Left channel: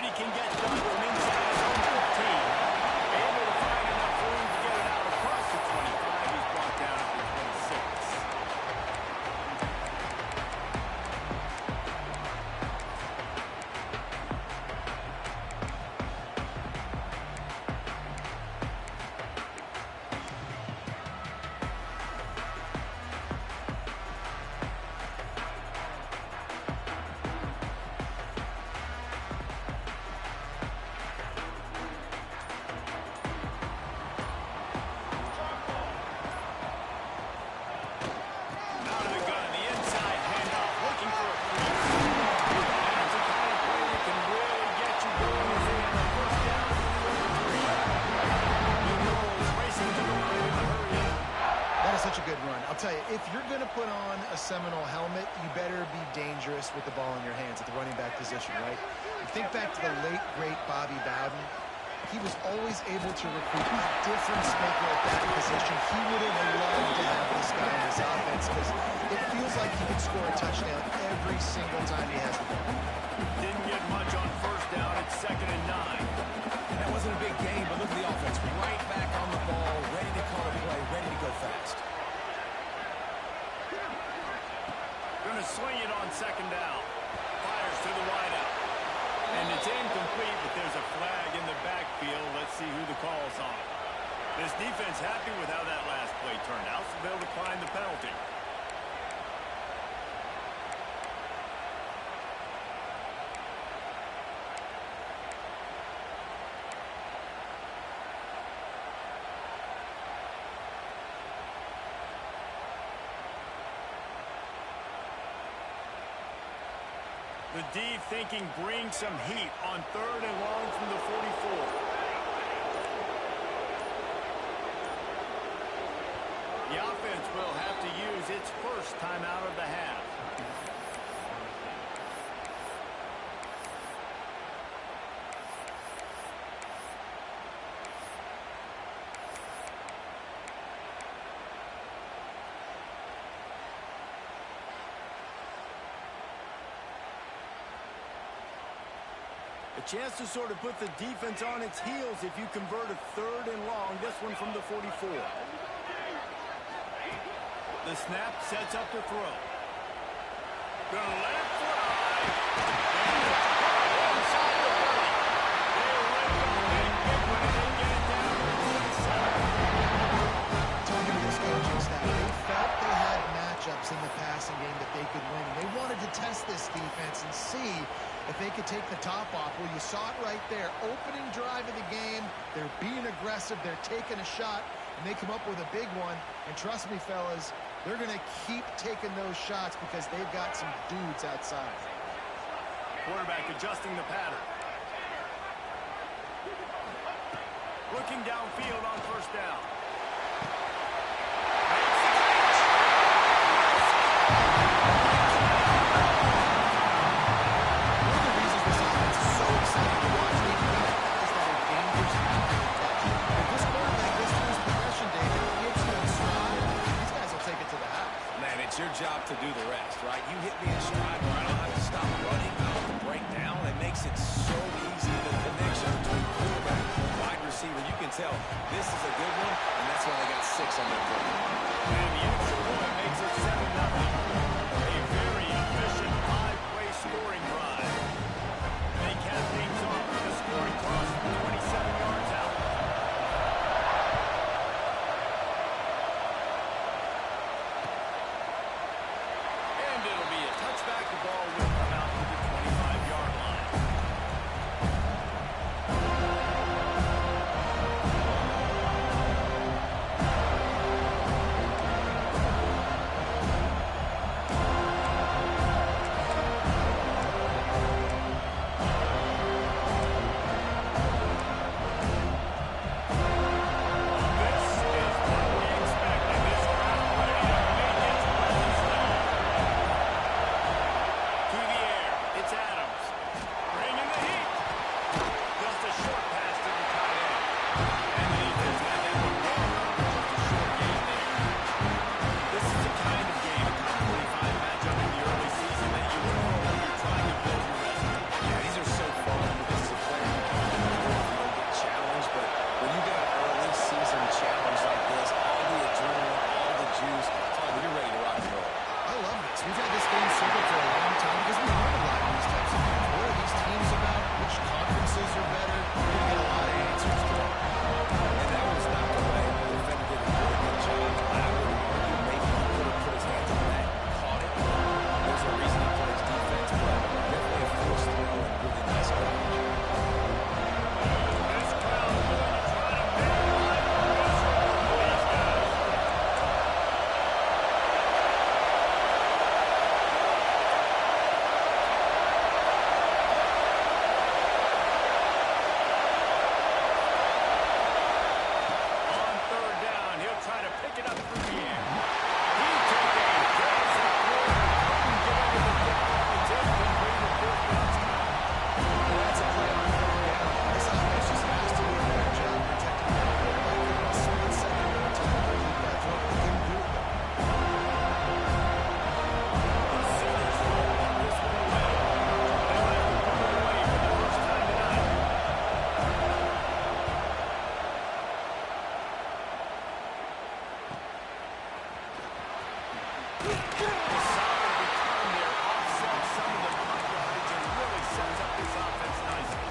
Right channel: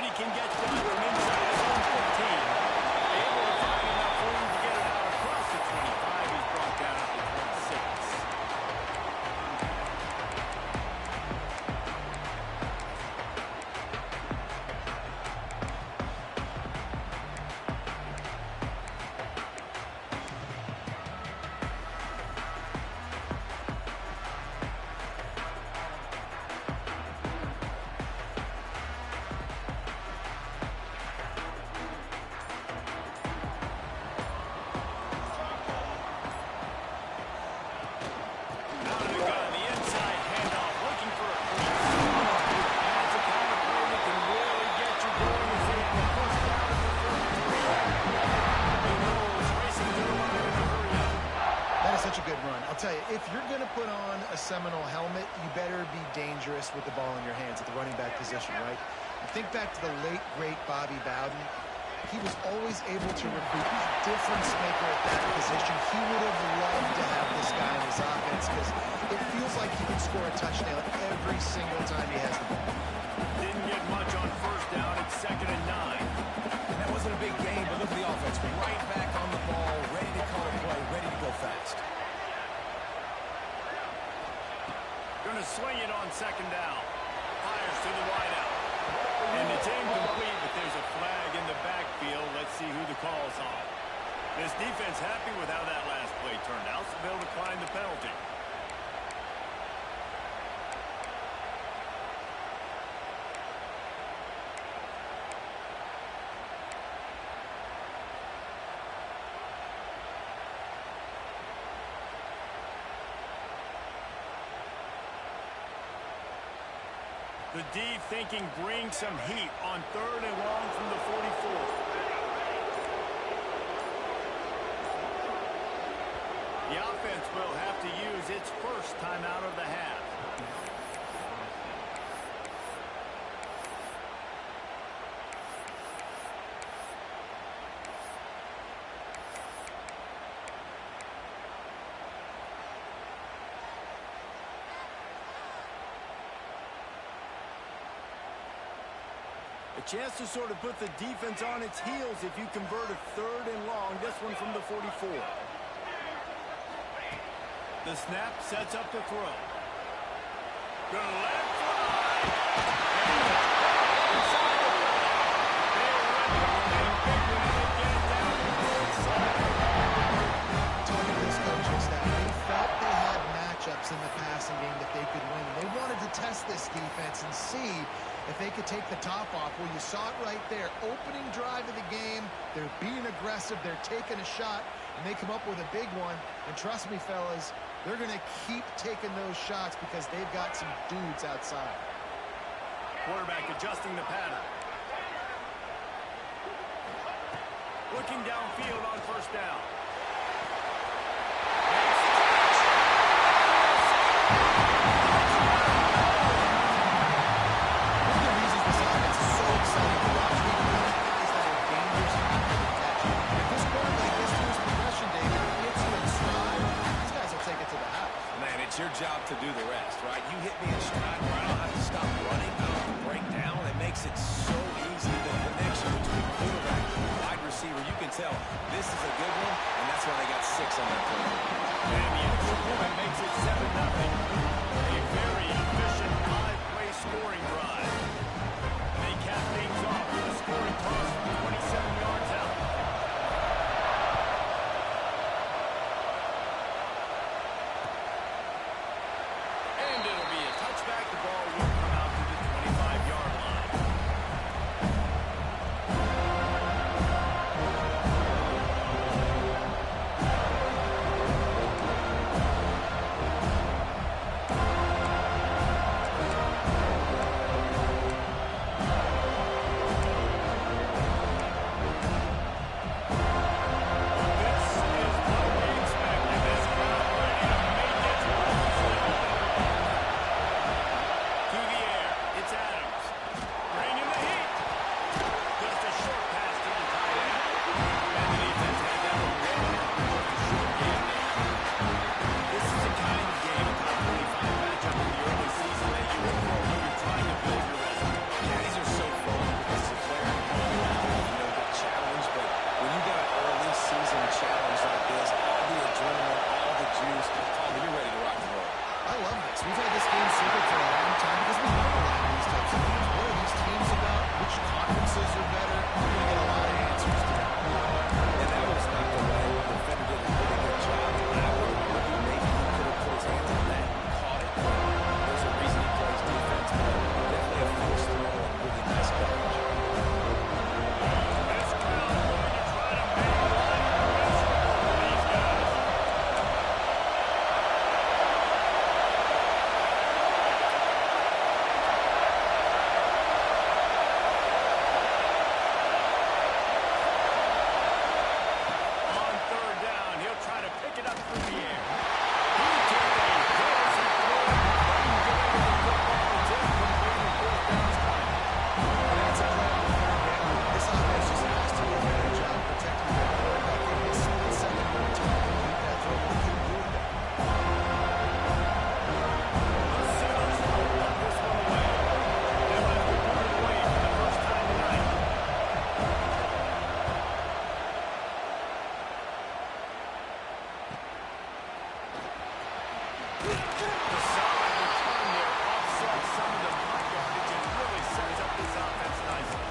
what he can get done from inside his own 14. Able to find enough room to get it out across the 25. He's brought down at the 26. Such a good run. I'll tell you, if you're going to put on a Seminole helmet, you better be dangerous with the ball in your hands at the running back position, right? You think back to the late, great Bobby Bowden. He was always able to recruit a difference maker at that position. He would have loved to have this guy in his offense because it feels like he can score a touchdown every single time he has the ball. Didn't get much on first down. It's 2nd and 9. And that wasn't a big gain, but look at the offense. Right back on the ball, ready to call a play, ready to go fast. Going to swing it on 2nd down. Fires to the wideout. And it's incomplete, but there's a flag in the backfield. Let's see who the call's on. This defense happy with how that last play turned out, so they'll decline the penalty. The D thinking bring some heat on 3rd and long from the 44. The offense will have to use its first timeout of the half. A chance to sort of put the defense on its heels if you convert a 3rd and long, this one from the 44. The snap sets up to throw. Gonna let it fly. And it's caught inside the 30. They ripped off a big one and they get it down to the 47. Talking to this coaching staff, they felt they had matchups in the passing game that they could win, and they wanted to test this defense and see if they could take the top off. Well, you saw it right there. Opening drive of the game, they're being aggressive, they're taking a shot, and they come up with a big one. And trust me, fellas, they're going to keep taking those shots because they've got some dudes outside. Quarterback adjusting the pattern. Looking downfield on 1st down. Makes the catch. One of the reasons this offense is so exciting to watch, we've got guys that are dangerous after the catch. If this quarterback gets through his progression, David, gets you in stride, these guys will take it to the house. Man, it's your job to do the rest, right? You hit me in stride where I don't have to stop running, I don't have to break down. It makes it so easy, the connection between quarterback and wide receiver. You can tell this is a good one, and that's why they got 6 on that play. And the extra point makes it 7-0. A very efficient 5-play scoring drive. They cap things off with a scoring toss from 27 yards out. And it'll be a touchback. The ball will come out to the 25-yard line. throws are better, you're going to get a lot of answers today. And that was knocked away. The defender did a really good job. I would argue maybe he could have put his hands on that, caught it. There's a reason he plays defense, but definitely a forced throw and really nice coverage. This crowd is going to try to make life miserable for these guys. On third down, he'll try to pick it up through the air. He took a hit as he threw it, couldn't get into the football. It's incomplete and fourth down's time. That's a play on third down. This offense just has to do a better job protecting their quarterback. Give him a split second more time to keep that throw, but they couldn't do it there. The Sooners will punt this one away. They'll have to put it away for the first time tonight. The solid return there offsets some of the punt yardage and really sets up this offense nicely.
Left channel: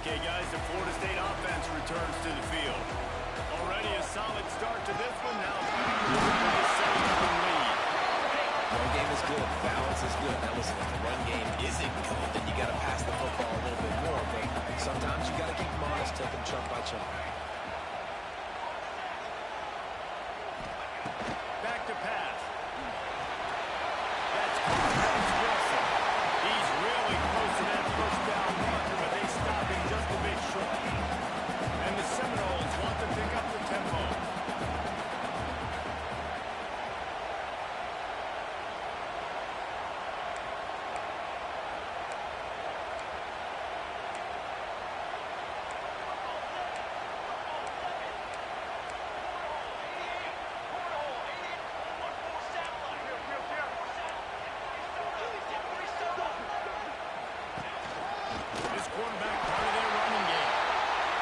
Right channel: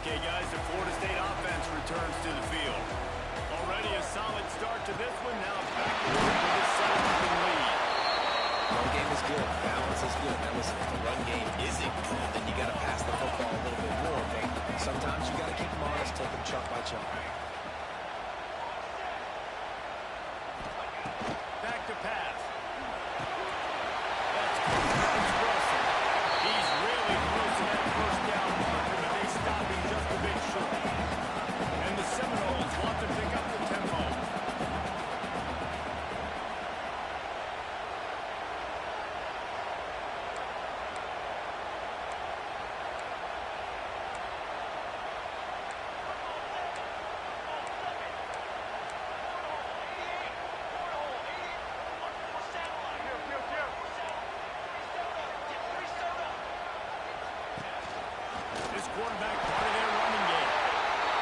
Okay, guys, the Florida State offense returns to the field. Already a solid start to this one. Now back to work with a 7-0 lead. Run game is good. Balance is good. Now listen, if the run game isn't good, then you got to pass the football a little bit more. But sometimes you got to keep them honest, take them chunk by chunk. Back to pass. That's caught. It's Wilson. He's really close to that first down marker, but they stop him just a bit short. And the Seminoles want to pick up the tempo. This quarterback part of their running game.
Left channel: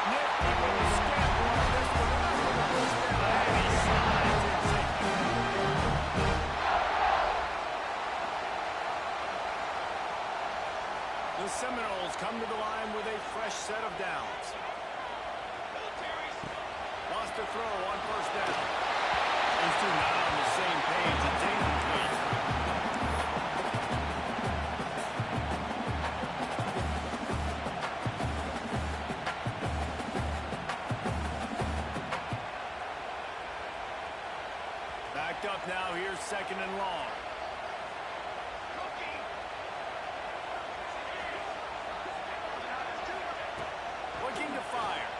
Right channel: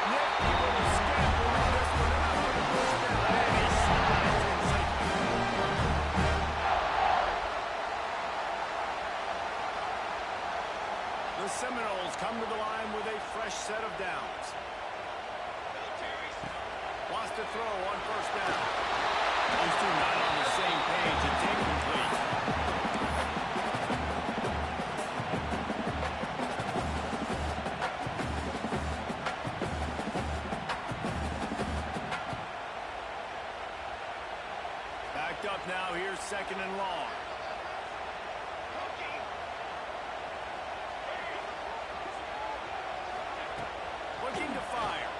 Nifty little scamper on this one. Enough for the first down. And he slides in safely. The Seminoles come to the line with a fresh set of downs. Wants to throw on first down. Those two not on the same page. It's incomplete. Backed up now. Here's second and long. Looking to fire.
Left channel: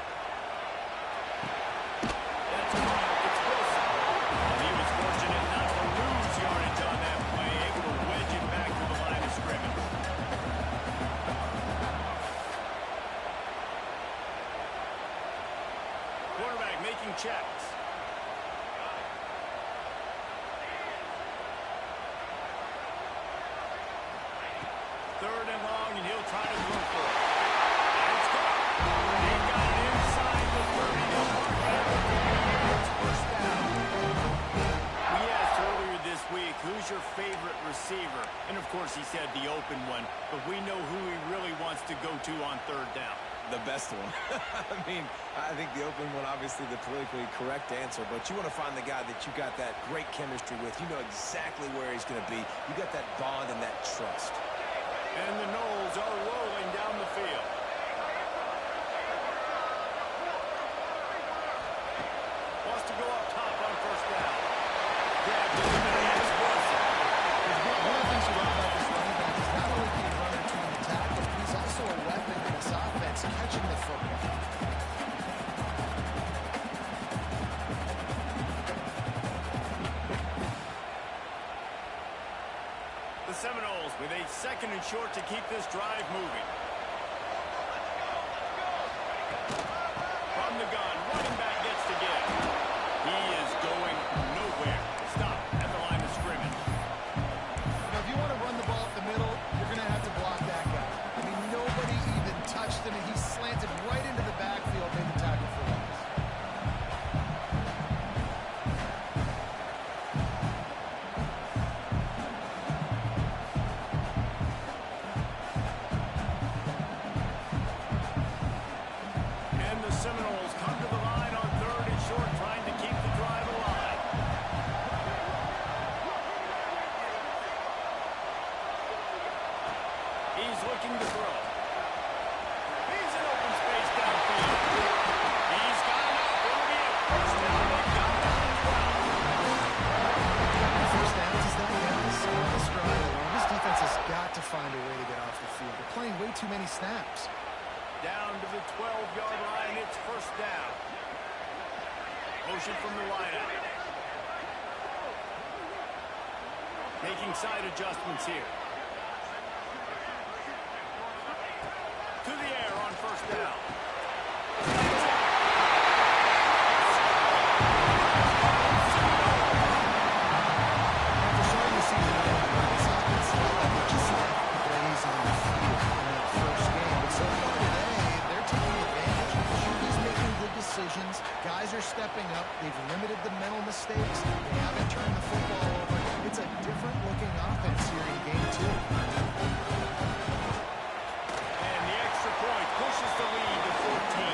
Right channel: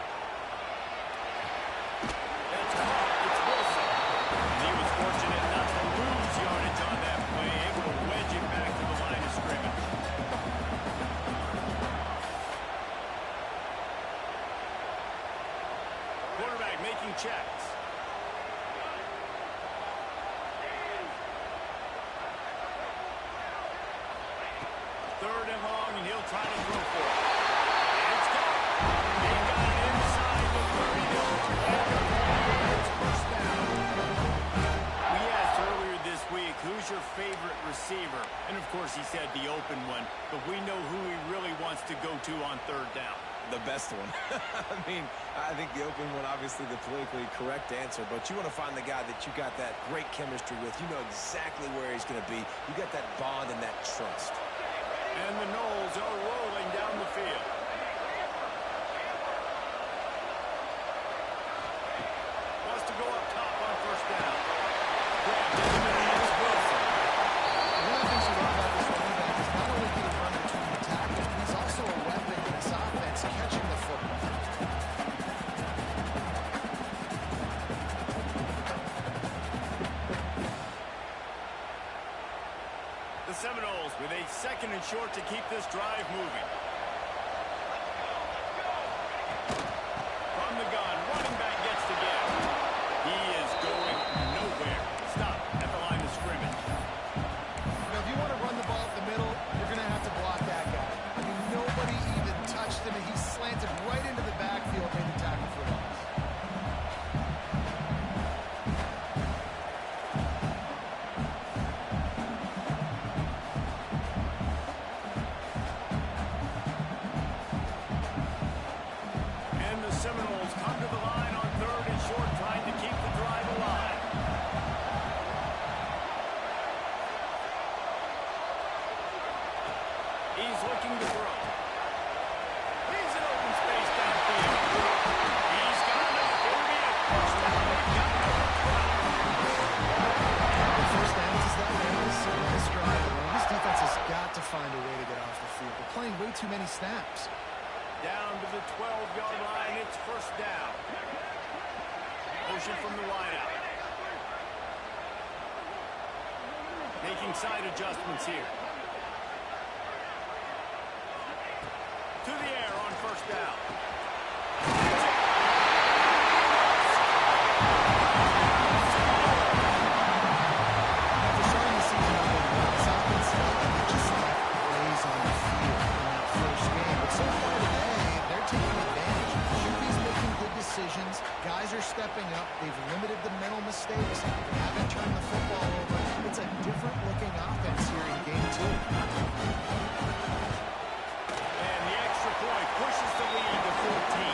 That's caught. It's Wilson. And he was fortunate not to lose yardage on that play. Able to wedge it back to the line of scrimmage. Quarterback making checks. Third and long, and he'll try to throw for it. And it's caught. He got it inside the 30. They'll mark it at the 28. It's first down. We asked earlier this week, who's your favorite receiver? And, of course, he said the open one. But we know who he really wants to go to on third down. The best one. I mean, I think the open one, obviously the politically correct answer, but you want to find the guy that you got that great chemistry with. You know exactly where he's going to be. You got that bond and that trust. And the Noles are rolling down the field. Wants to go up top on first down. Grabbed in the middle. It's Wilson. One of the things you love about this running back is not only can he run between the tackles, but he's also a weapon in this offense catching the football. The Seminoles with a second and short to keep this drive moving. From the gun, running back gets to give. He is going nowhere. Stop at the line of scrimmage. Seminoles come to the line on 3rd and short, trying to keep the drive alive. He's looking to throw. He's in open space downfield. He's got enough. It'll be a first down. They've got it at 12. First downs is that on this drive alone. This defense has got to find a way to get off the field. They're playing way too many snaps. Down to the 12-yard line. It's first down. Motion from the wideout. Making side adjustments here. To the air on first down. After starting the season out on one, this offense felt like it just left plays on the field in that first game. But so far today, they're taking advantage. QB's making good decisions. Guys are stepping up. They've limited the mental mistakes. They haven't turned the football over. It's a different-looking offense here in Game 2. Point pushes the lead to 14.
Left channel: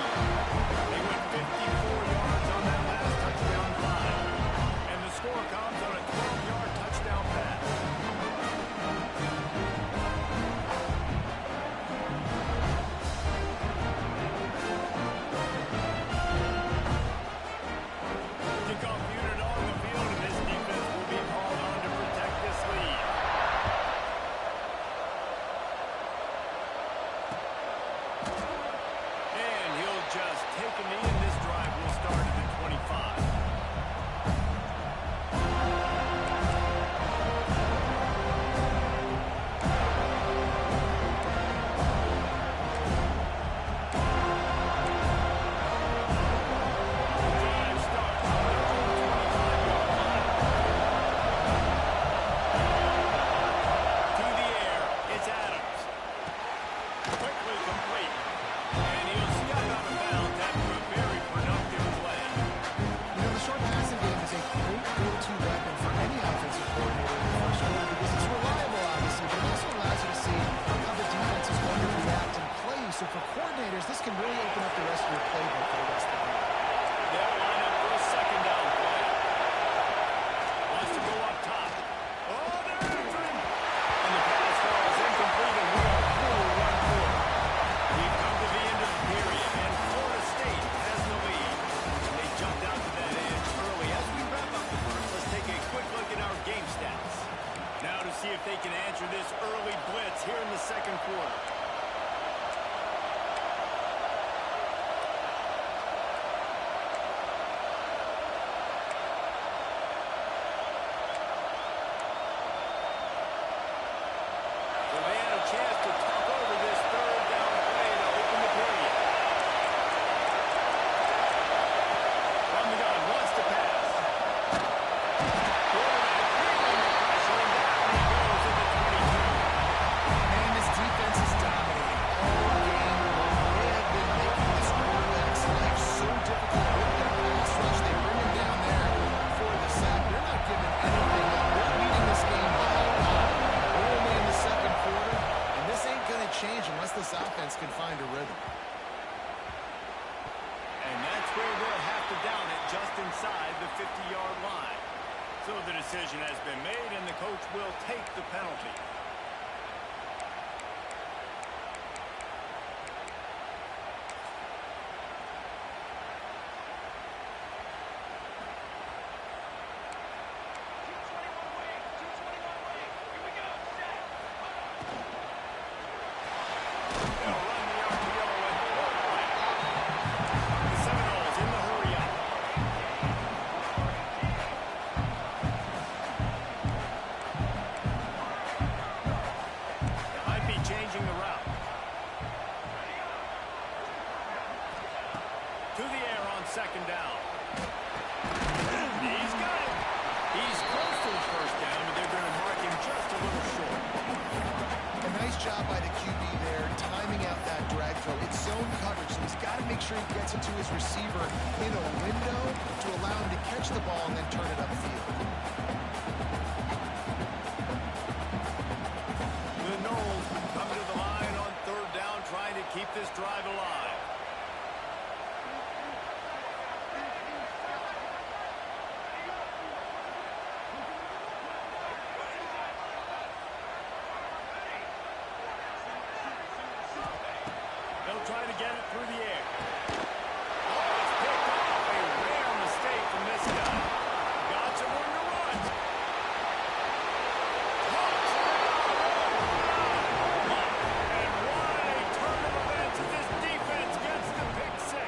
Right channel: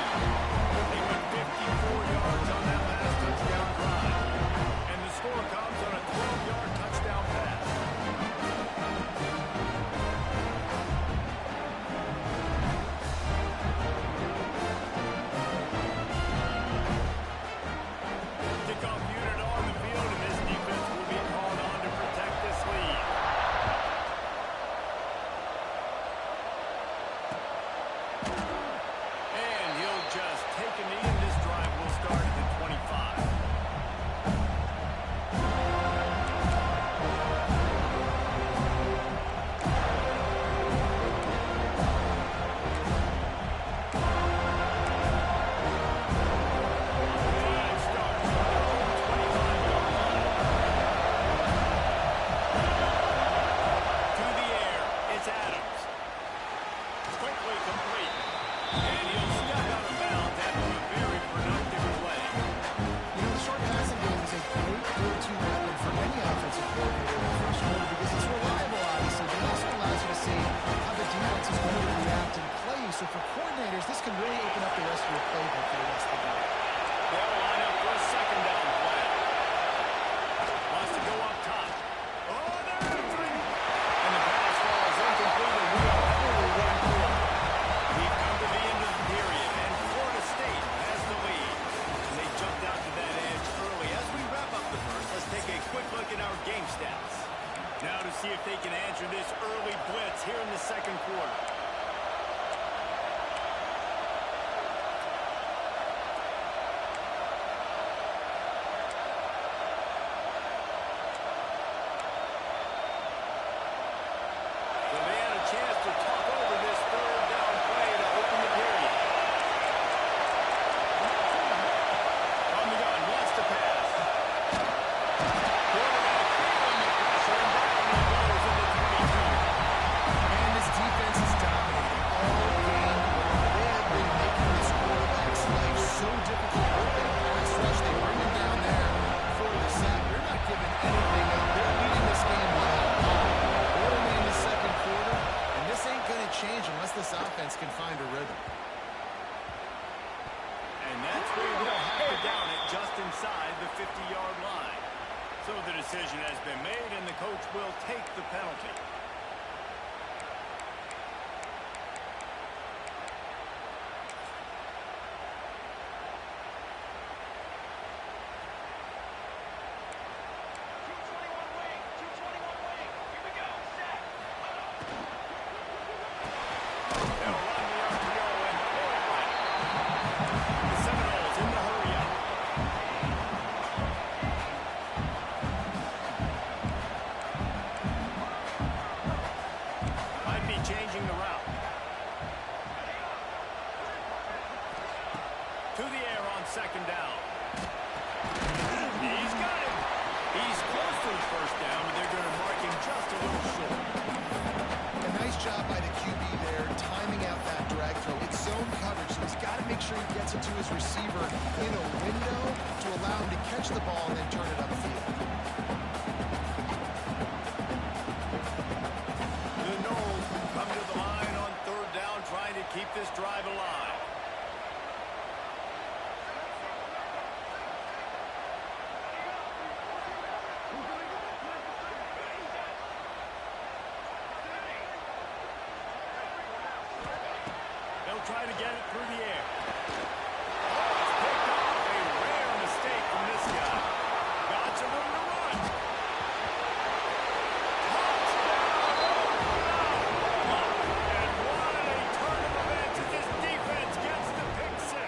They went 54 yards on that last touchdown drive. And the score comes on a 12-yard touchdown pass. Kickoff unit on the field, and this defense will be called on to protect this lead. Just take a knee, and this drive will start at the 25. The drive starts from their own 25-yard line. To the air, it's Adams. Quickly complete. And he'll step out of bounds after a very productive play. You know, the short passing game is a great go-to weapon for any offensive coordinator in the first quarter because it's reliable, obviously, but it also allows you to see how the defense is going to react and play. So for coordinators, this can really open up the rest of your playbook for the rest of the game. They'll line up for a second down play. Wants to go up top. Oh, they're after him. And the pass falls incomplete, and we are through one quarter. We've come to the end of the period, and Florida State has the lead. And they jumped out to that edge early. As we wrap up the first, let's take a quick look at our game stats. Now to see if they can answer this early blitz here in the second quarter. So they had a chance to talk over this third down play to open the period. From the gun, wants to pass. Quarterback feeling the pressure, and down he goes at the 22. And this defense is dominating all game long. They have been making this quarterback's life so difficult with their pass rush. They bring him down there for the sack. They're not giving anything up. They're leading this game by a lot. We're only in the second quarter, and this ain't going to change unless this offense can find a rhythm. And that's where they'll have to down it just inside the 50-yard line. So the decision has been made, and the coach will take the penalty. They'll run the RPO and throw it right. The Seminoles in the hurry up. Might be changing the route. To the air on second down. He's got it. He's close to his first down, but they're going to mark him just a little short. A nice job by the QB there, timing out that drag throw. It's zone coverage, so he's got to make sure he gets it to his receiver in a window to allow him to catch the ball and then turn it upfield. The Noles come to the line on third down, trying to keep this drive alive. They'll try to get it through the air. Oh, it's picked off. A rare mistake from this guy. Got some room to run. Touchdown, Oklahoma! And what a turn of events as this defense gets the pick six.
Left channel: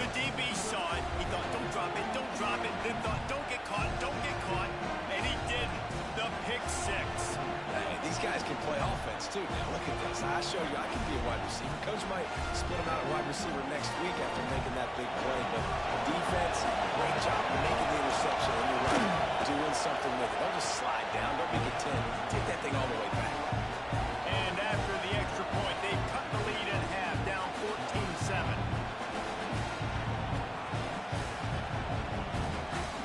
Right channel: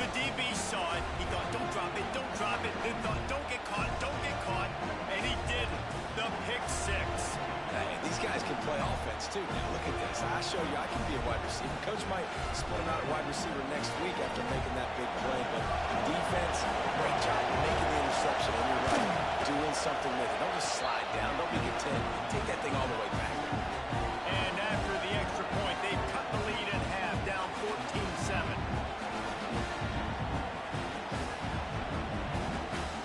The DB saw it. He thought, don't drop it, don't drop it. Then thought, don't get caught, don't get caught. And he didn't. The pick six. Hey, these guys can play offense, too. Now, look at this. I showed you I can be a wide receiver. Coach might split him out at wide receiver next week after making that big play. But defense, great job making the interception. And you're right, doing something with it. Don't just slide down. Don't make it 10. Take that thing all the way back. And after the extra point, they've cut the lead in half, down 14-7.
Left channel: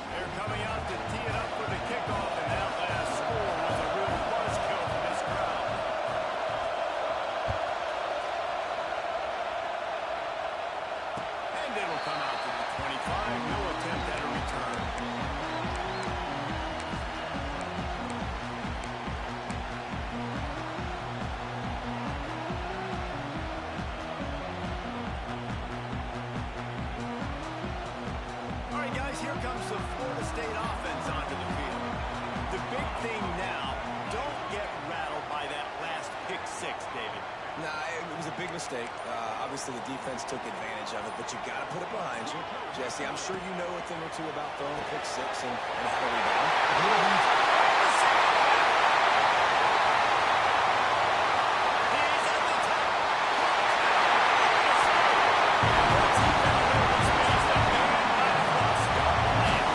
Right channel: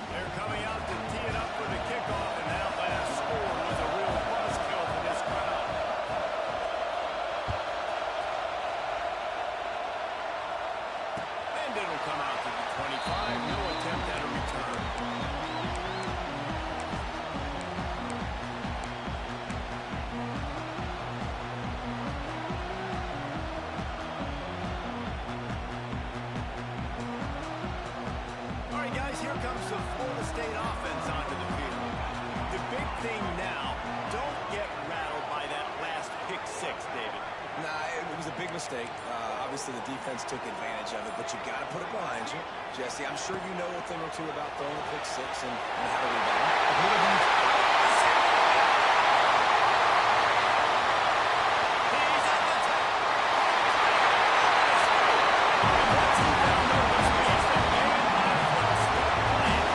They're coming out to tee it up for the kickoff, and that last score was a real buzzkill for this crowd. And it'll come out to the 25. No attempt at a return. All right, guys, here comes the Florida State offense onto the field. The big thing now, don't get rattled by that last pick six, David. Nah, it was a big mistake. Obviously, the defense took advantage of it, but you got to put it behind you. Jesse, I'm sure you know a thing or two about throwing a pick six and how to rebound. He's at the top. Florida State. And once he found open space, the band might as well start playing.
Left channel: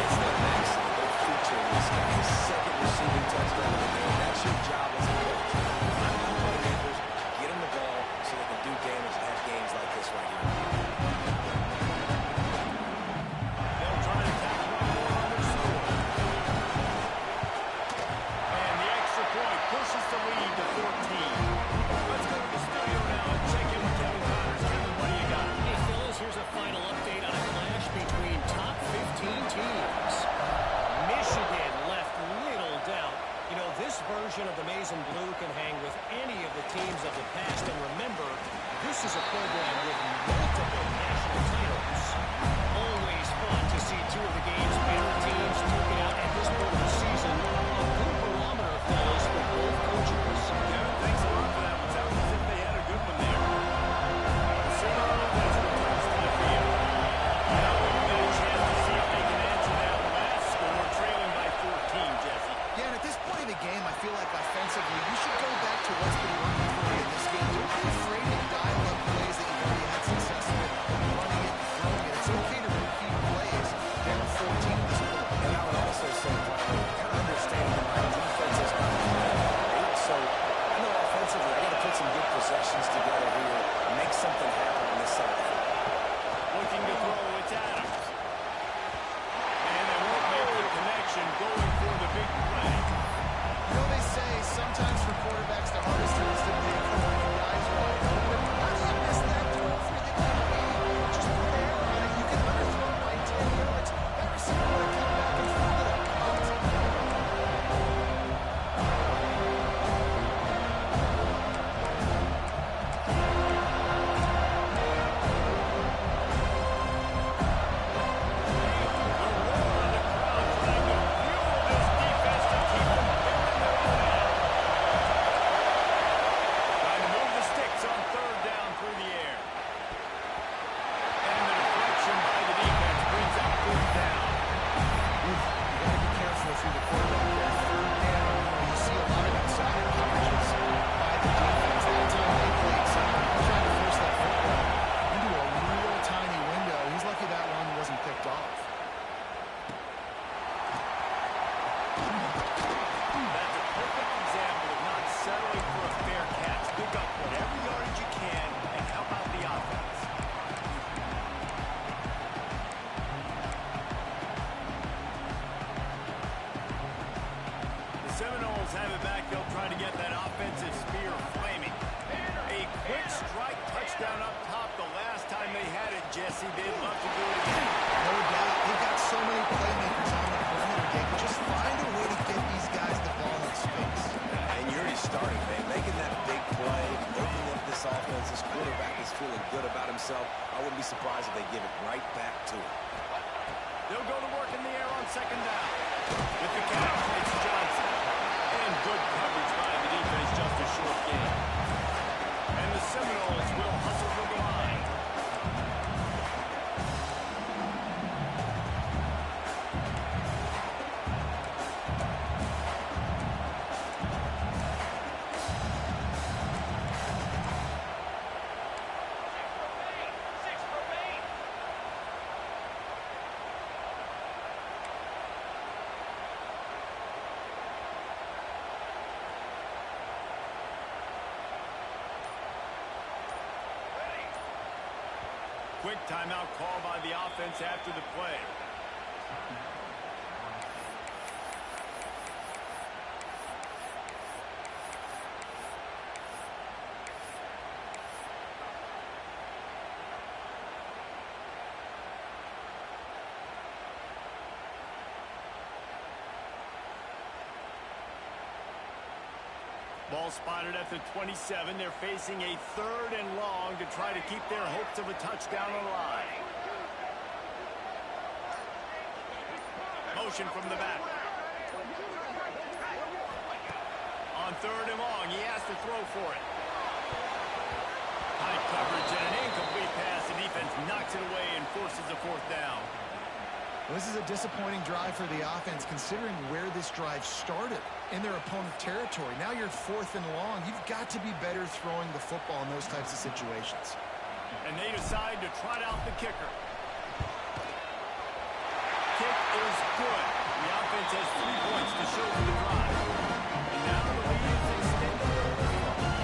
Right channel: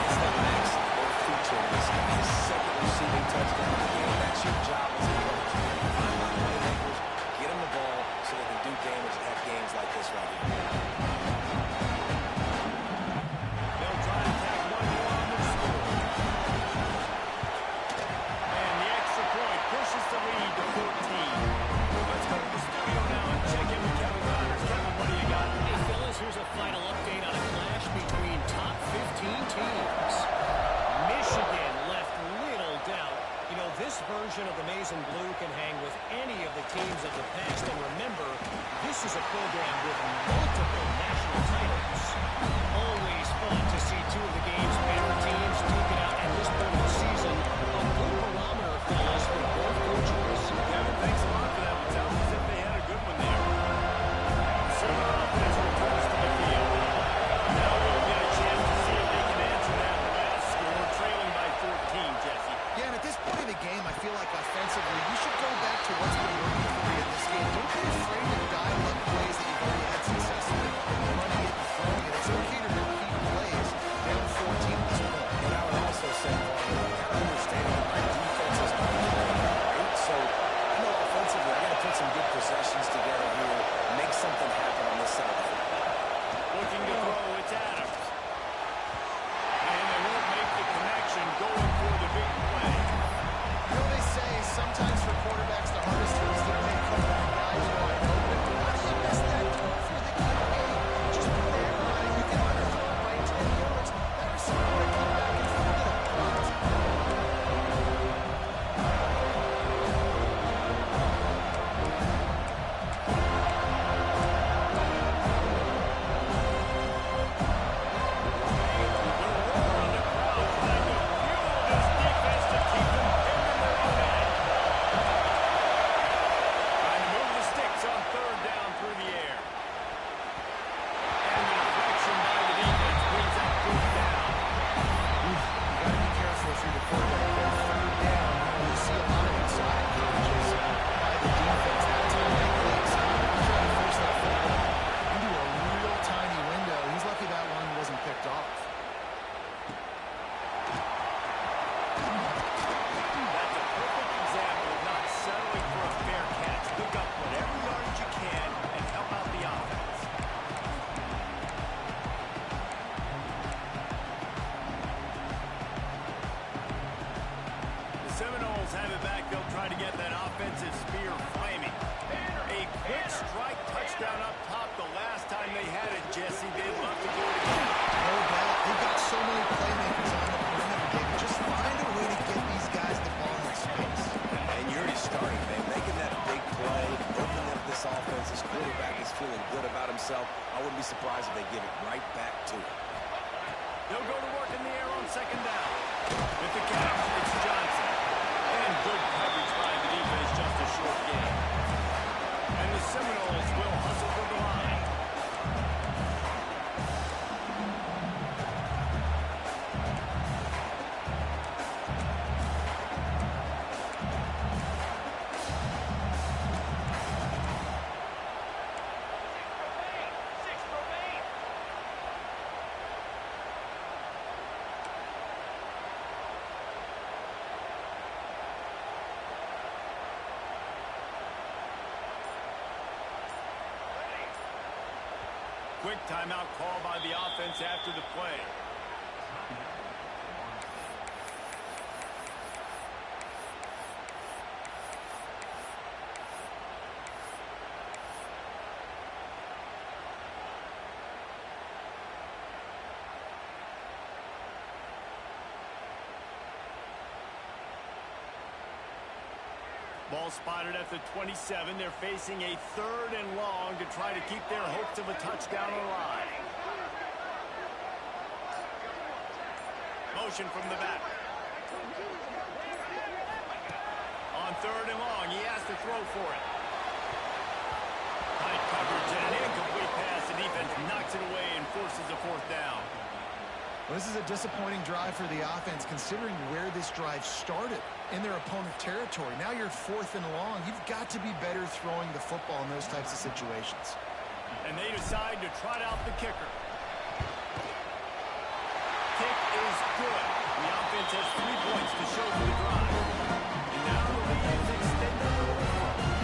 It's the maximum. They're featuring this guy. His second receiving touchdown of the game. That's your job as a coach. Find my playmakers, get them the ball so they can do damage and have games like this right here. They'll try to tack one more on their score. And the extra point pushes the lead to 14. Let's go to the studio now and check in with Kevin Connors. Kevin, what do you got? Hey, fellas, here's a final update on a clash between top 15 teams. Michigan left little doubt. You know, this version of the Maize and Blue can hang with any of the teams of the past. And remember, this is a program with multiple national titles. Always fun to see two of the game's better teams duke it out at this point of the season. A good barometer, fellas, with both coaches. Kevin, thanks a lot for that one. Sounds as if they had a good one there. The Sooner offense returns to the field. Now we'll get a chance to see if they can answer that last score, trailing by 14, Jesse. Yeah, and at this point in the game, I feel like offensively, you should go back to what's been working for you in this game. Don't be afraid to dial up plays that you've already had success with, running it and throwing it. It's okay to repeat plays down 14 at this point. And I would also say, Paul, kind of understanding that my defense is not playing great, so I know offensively I got to put some good possessions together here, make something happen on this side of the football. Looking to throw, it's Adams. And they won't make the connection, going for the big play. You know, they say sometimes for quarterbacks, the hardest throws to make are when the guy's wide open. How do you miss that throw if you're the QB? Just put air on it. You can underthrow it by 10 yards. That receiver would have come back and fielded a punt. If you're the quarterback there, third down, you see a lot of exotic coverages by the defense. That time they played sound. He's trying to force that football into a real tiny window. He's lucky that one wasn't picked off. That's a perfect example of not settling for a fair catch. Pick up whatever yardage you can and help out the offense. Seminoles have it back. They'll try to get that offensive spear flaming. A quick strike touchdown up top the last time they had it, Jesse. They'd love to do it again. No doubt. They've got so many playmakers on the perimeter, David. Just find a way to get these guys the ball in space. And you're already starting, man. Making that big this offense. This quarterback is feeling good about himself. I wouldn't be surprised if they give it right back to him. They'll go to work in the air on second down. With the catch, it's Johnson. And good coverage by the defense, just a short gain. And the Seminoles will hustle for the line. Quick timeout call by the offense after the play. Ball spotted at the 27. They're facing a 3rd and long to try to keep their hopes of a touchdown alive. Motion from the back. On 3rd and long, he has to throw for it. Tight coverage and an incomplete pass. The defense knocks it away and forces a 4th down. Well, this is a disappointing drive for the offense, considering where this drive started in their opponent territory. Now you're 4th and long. You've got to be better throwing the football in those types of situations. And they decide to trot out the kicker. Kick is good. The offense has 3 points to show for the drive. And now the lead is extended a little bit further.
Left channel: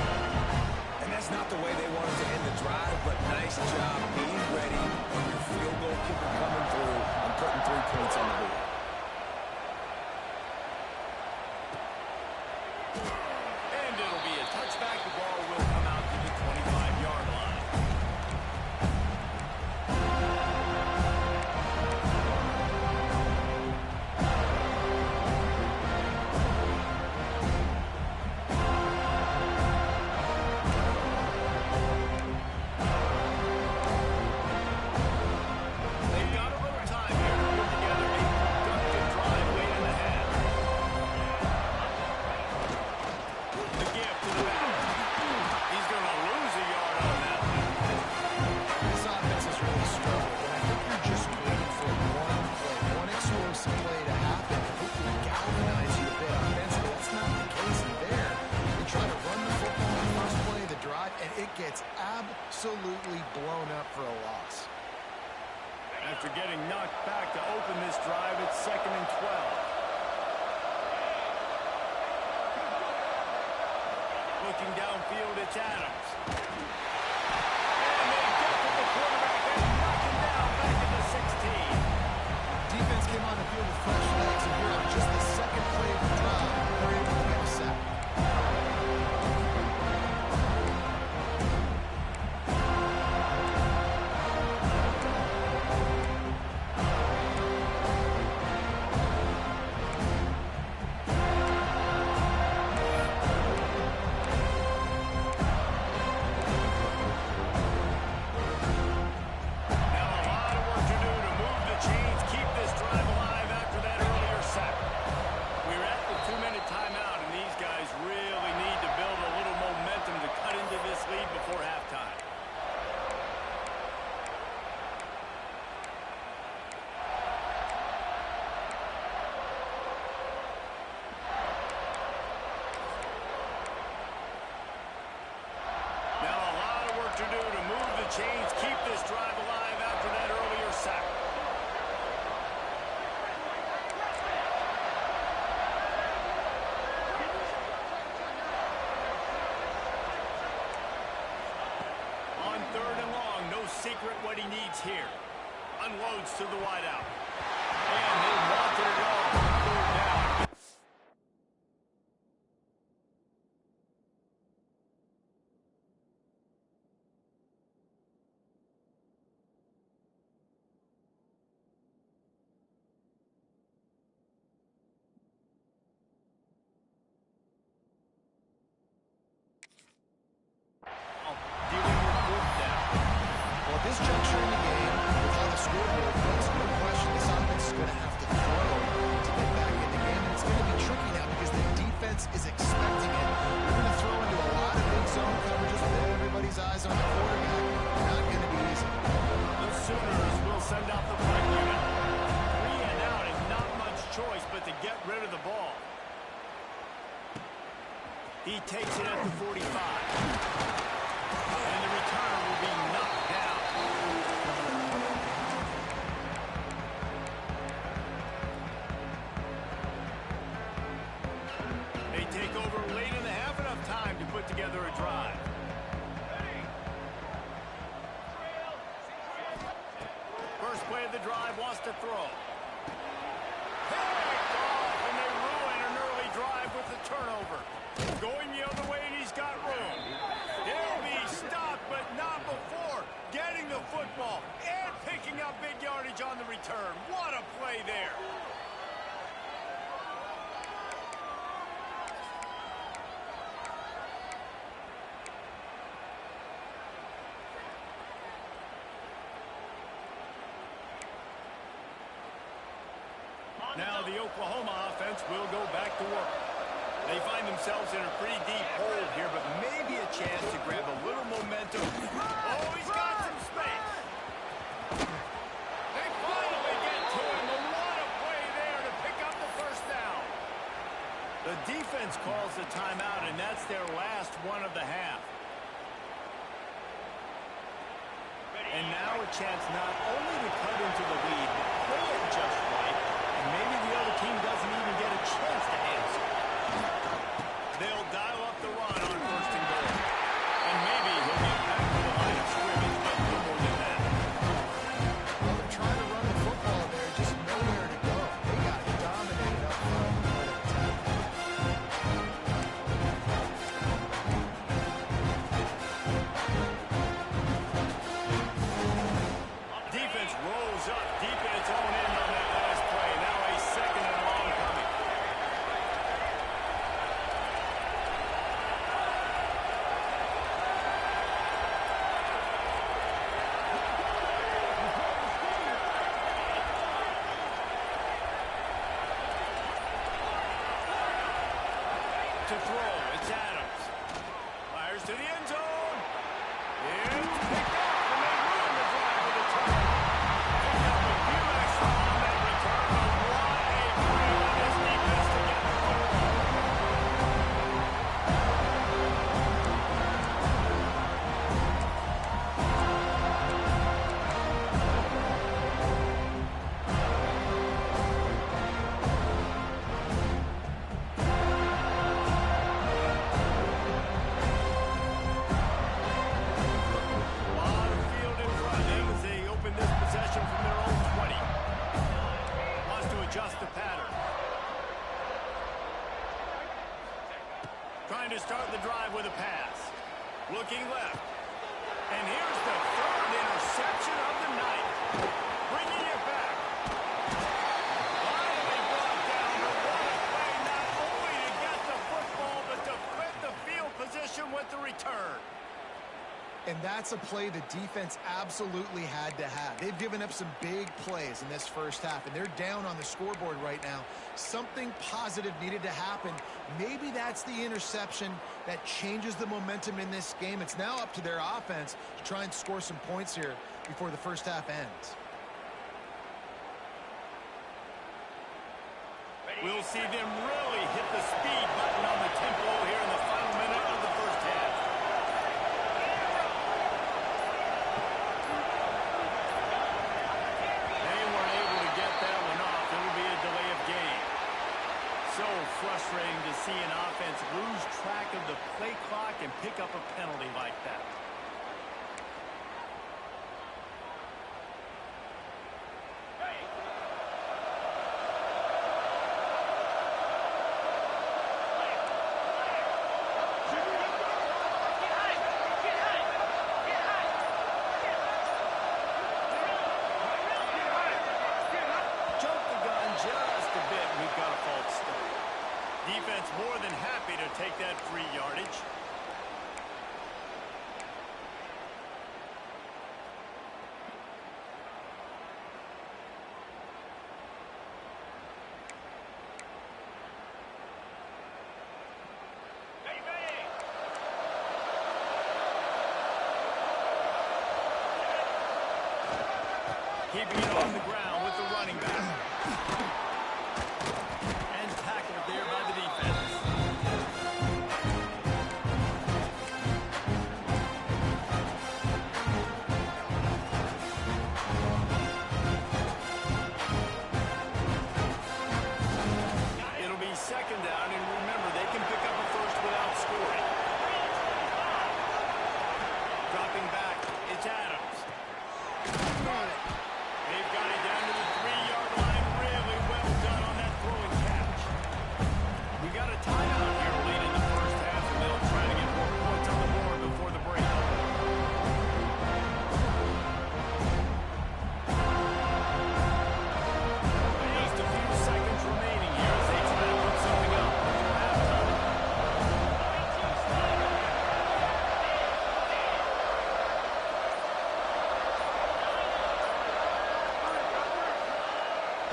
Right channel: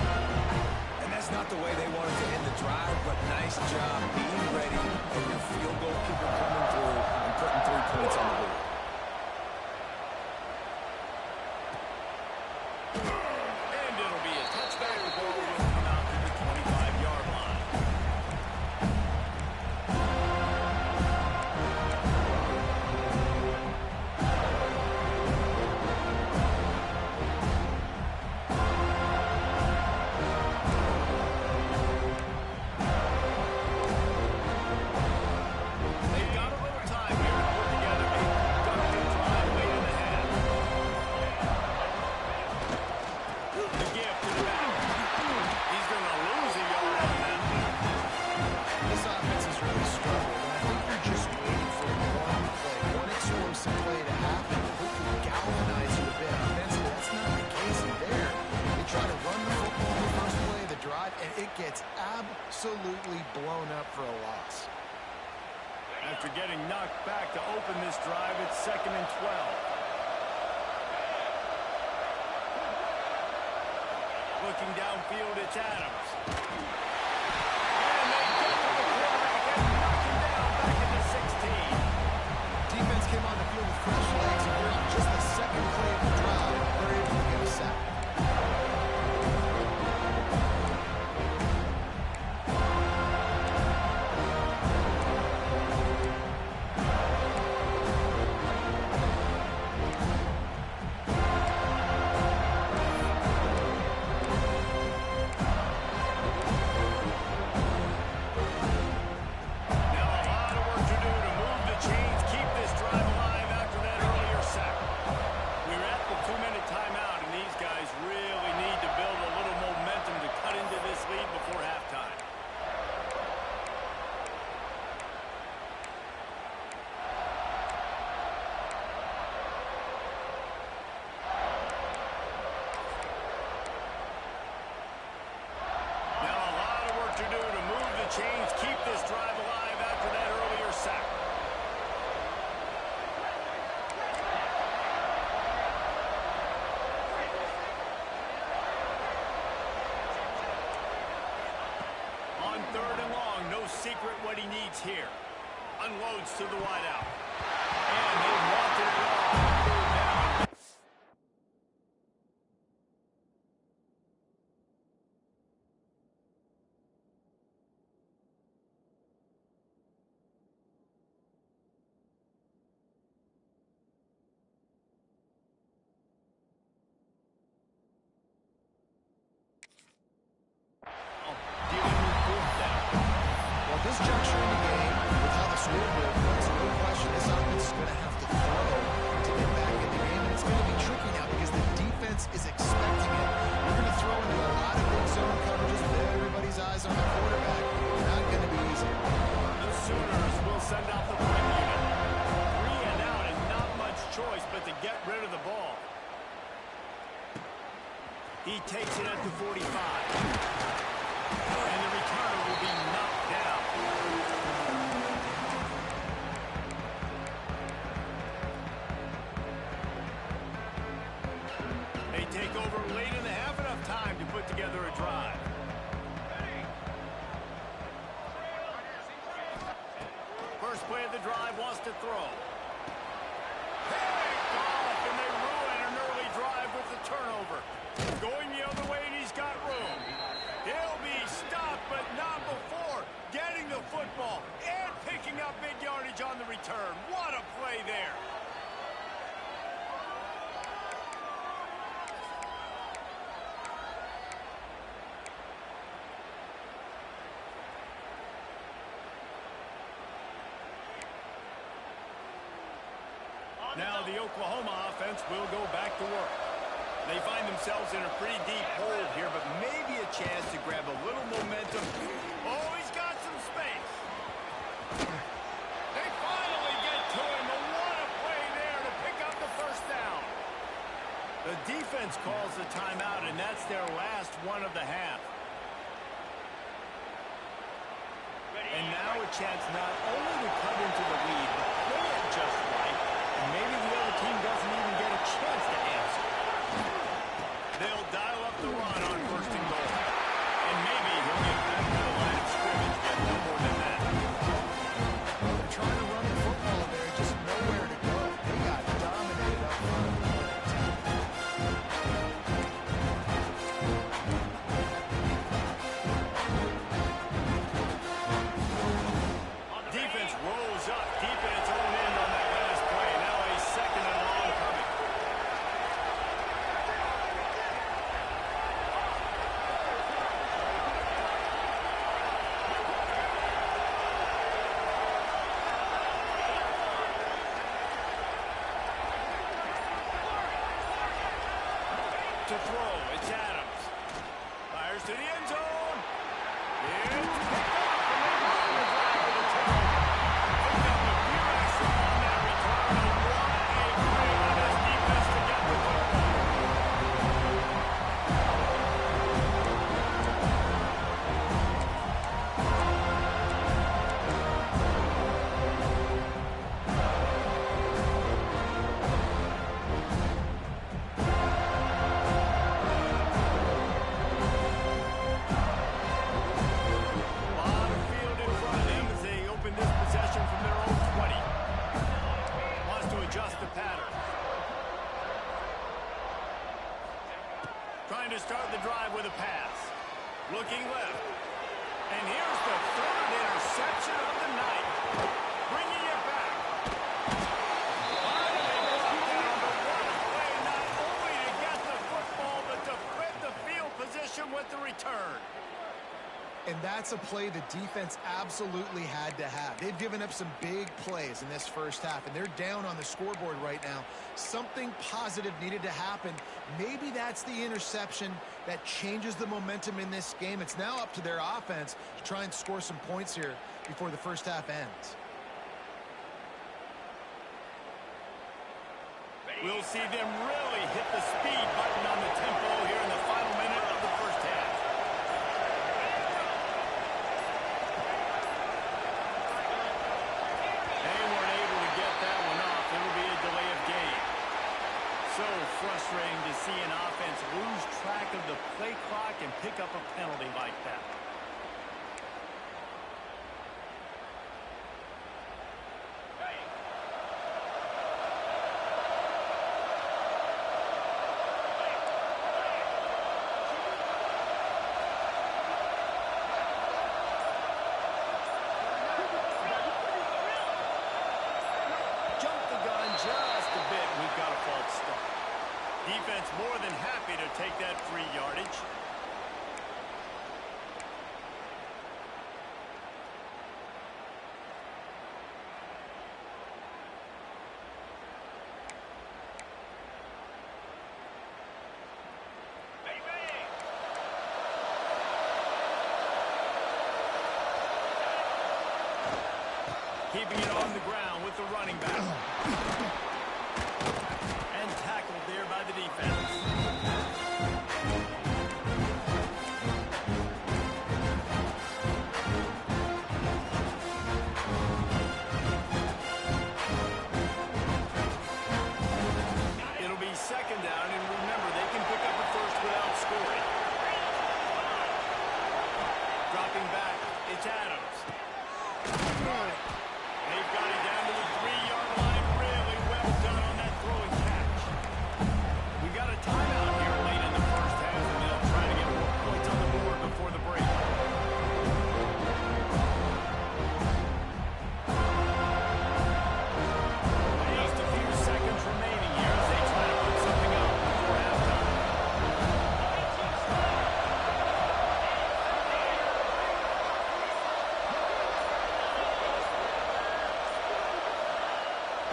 And that's not the way they wanted to end the drive, but nice job being ready for your field goal kicker coming through and putting 3 points on the board. And it'll be a touchback. The ball will come out to the 25-yard line. They've got a little time here to put together a productive drive late in the half. The gift to the back. He's going to lose a yard on that one. This offense has really struggled, and I think you're just waiting for one play, one explosive play to happen to hopefully galvanize you a bit offensively. That's not the case there. They try to run the football in the first play of the drive, and it gets absolutely blown up for a loss. After getting knocked back to open this drive, it's 2nd and 12. Looking downfield, it's Adams. And they get to the quarterback and knock him down back at the 16. Defense came on the field with fresh legs, and here on just the 2nd play of the drive, they're able to get a sack. Now a lot of work to do to move the chains, keep this drive alive after that earlier sack. We're at the 2-minute timeout, and these guys really need to build a little momentum to cut into this lead before halftime. Now a lot of work to do to move the chains, keep this drive alive after that earlier sack. On 3rd and long, no secret what he needs here. Unloads to the wideout. And they wanted it all on 3rd down. this juncture in the game, with how the scoreboard looks, no question this offense is going to have to throw to get back in the game, and it's going to be tricky now because the defense is expecting it. You're going to throw into a lot of big zone coverages with everybody's eyes on the quarterback. Not going to be easy. The Sooners will send out the punt unit. 3 and out and not much choice but to get rid of the ball. He takes it at the 45. And the returner will be knocked down. They take over late in the half, enough time to put together a drive. First play of the drive, wants to throw. Picked off, and they ruin an early drive with the turnover. Going the other way, and he's got room. He'll be stopped, but not before getting the football and picking up big yardage on the return. What a play there. Now the Oklahoma offense will go back to work. They find themselves in a pretty deep hole here, but maybe a chance to grab a little momentum. Oh, he's got some space. They finally get to him. But what a play there to pick up the first down. The defense calls the timeout, and that's their last one of the half. And now a chance not only to cut into the lead, but play it just right. And maybe the other team doesn't even get a chance to answer. They'll dial up the run on first and goal. And maybe he'll get back to the line of scrimmage, but no more than that. Well, they're trying to run the football there, just nowhere to go. They got dominated up front with an attack. Defense rolls up deep in its own end on that last play. Now a second and long coming. To throw, it's Adams. Fires to the end zone. It's picked off, and they ruin the drive with a turnover. Picked up a few extra on that return, but what a play by this defense to get the football. Lot of field in front of them as they open this possession from their own 20. Wants to adjust the pattern. Trying to start the drive with a pass. Looking left. And here's the third interception of the night. Bringing it back. Finally brought down, but what a play, not only to get the football, but to flip the field position with the return. And that's a play the defense absolutely had to have. They've given up some big plays in this first half, and they're down on the scoreboard right now. Something positive needed to happen. Maybe that's the interception that changes the momentum in this game. It's now up to their offense to try and score some points here before the first half ends. We'll see them really hit the speed button on the tempo here in the final minute of the first half. They weren't able to get that one off. It'll be a delay of game. So frustrating to see an offense lose track of the play clock and pick up a penalty like that. Jump the gun just a bit, and we've got a false start. Defense more than happy to take that free yardage. Keeping it on the ground with the running back. And tackled there by the defense. It'll be second down, and remember, they can pick up a first without scoring. Dropping back, it's Adams. They've got it down to the 3-yard line. Really well done on that throwing catch. We got a timeout here late in the first half, and they'll try to get more points on the board before the break. Just a few seconds remaining here as they try to put something up before halftime.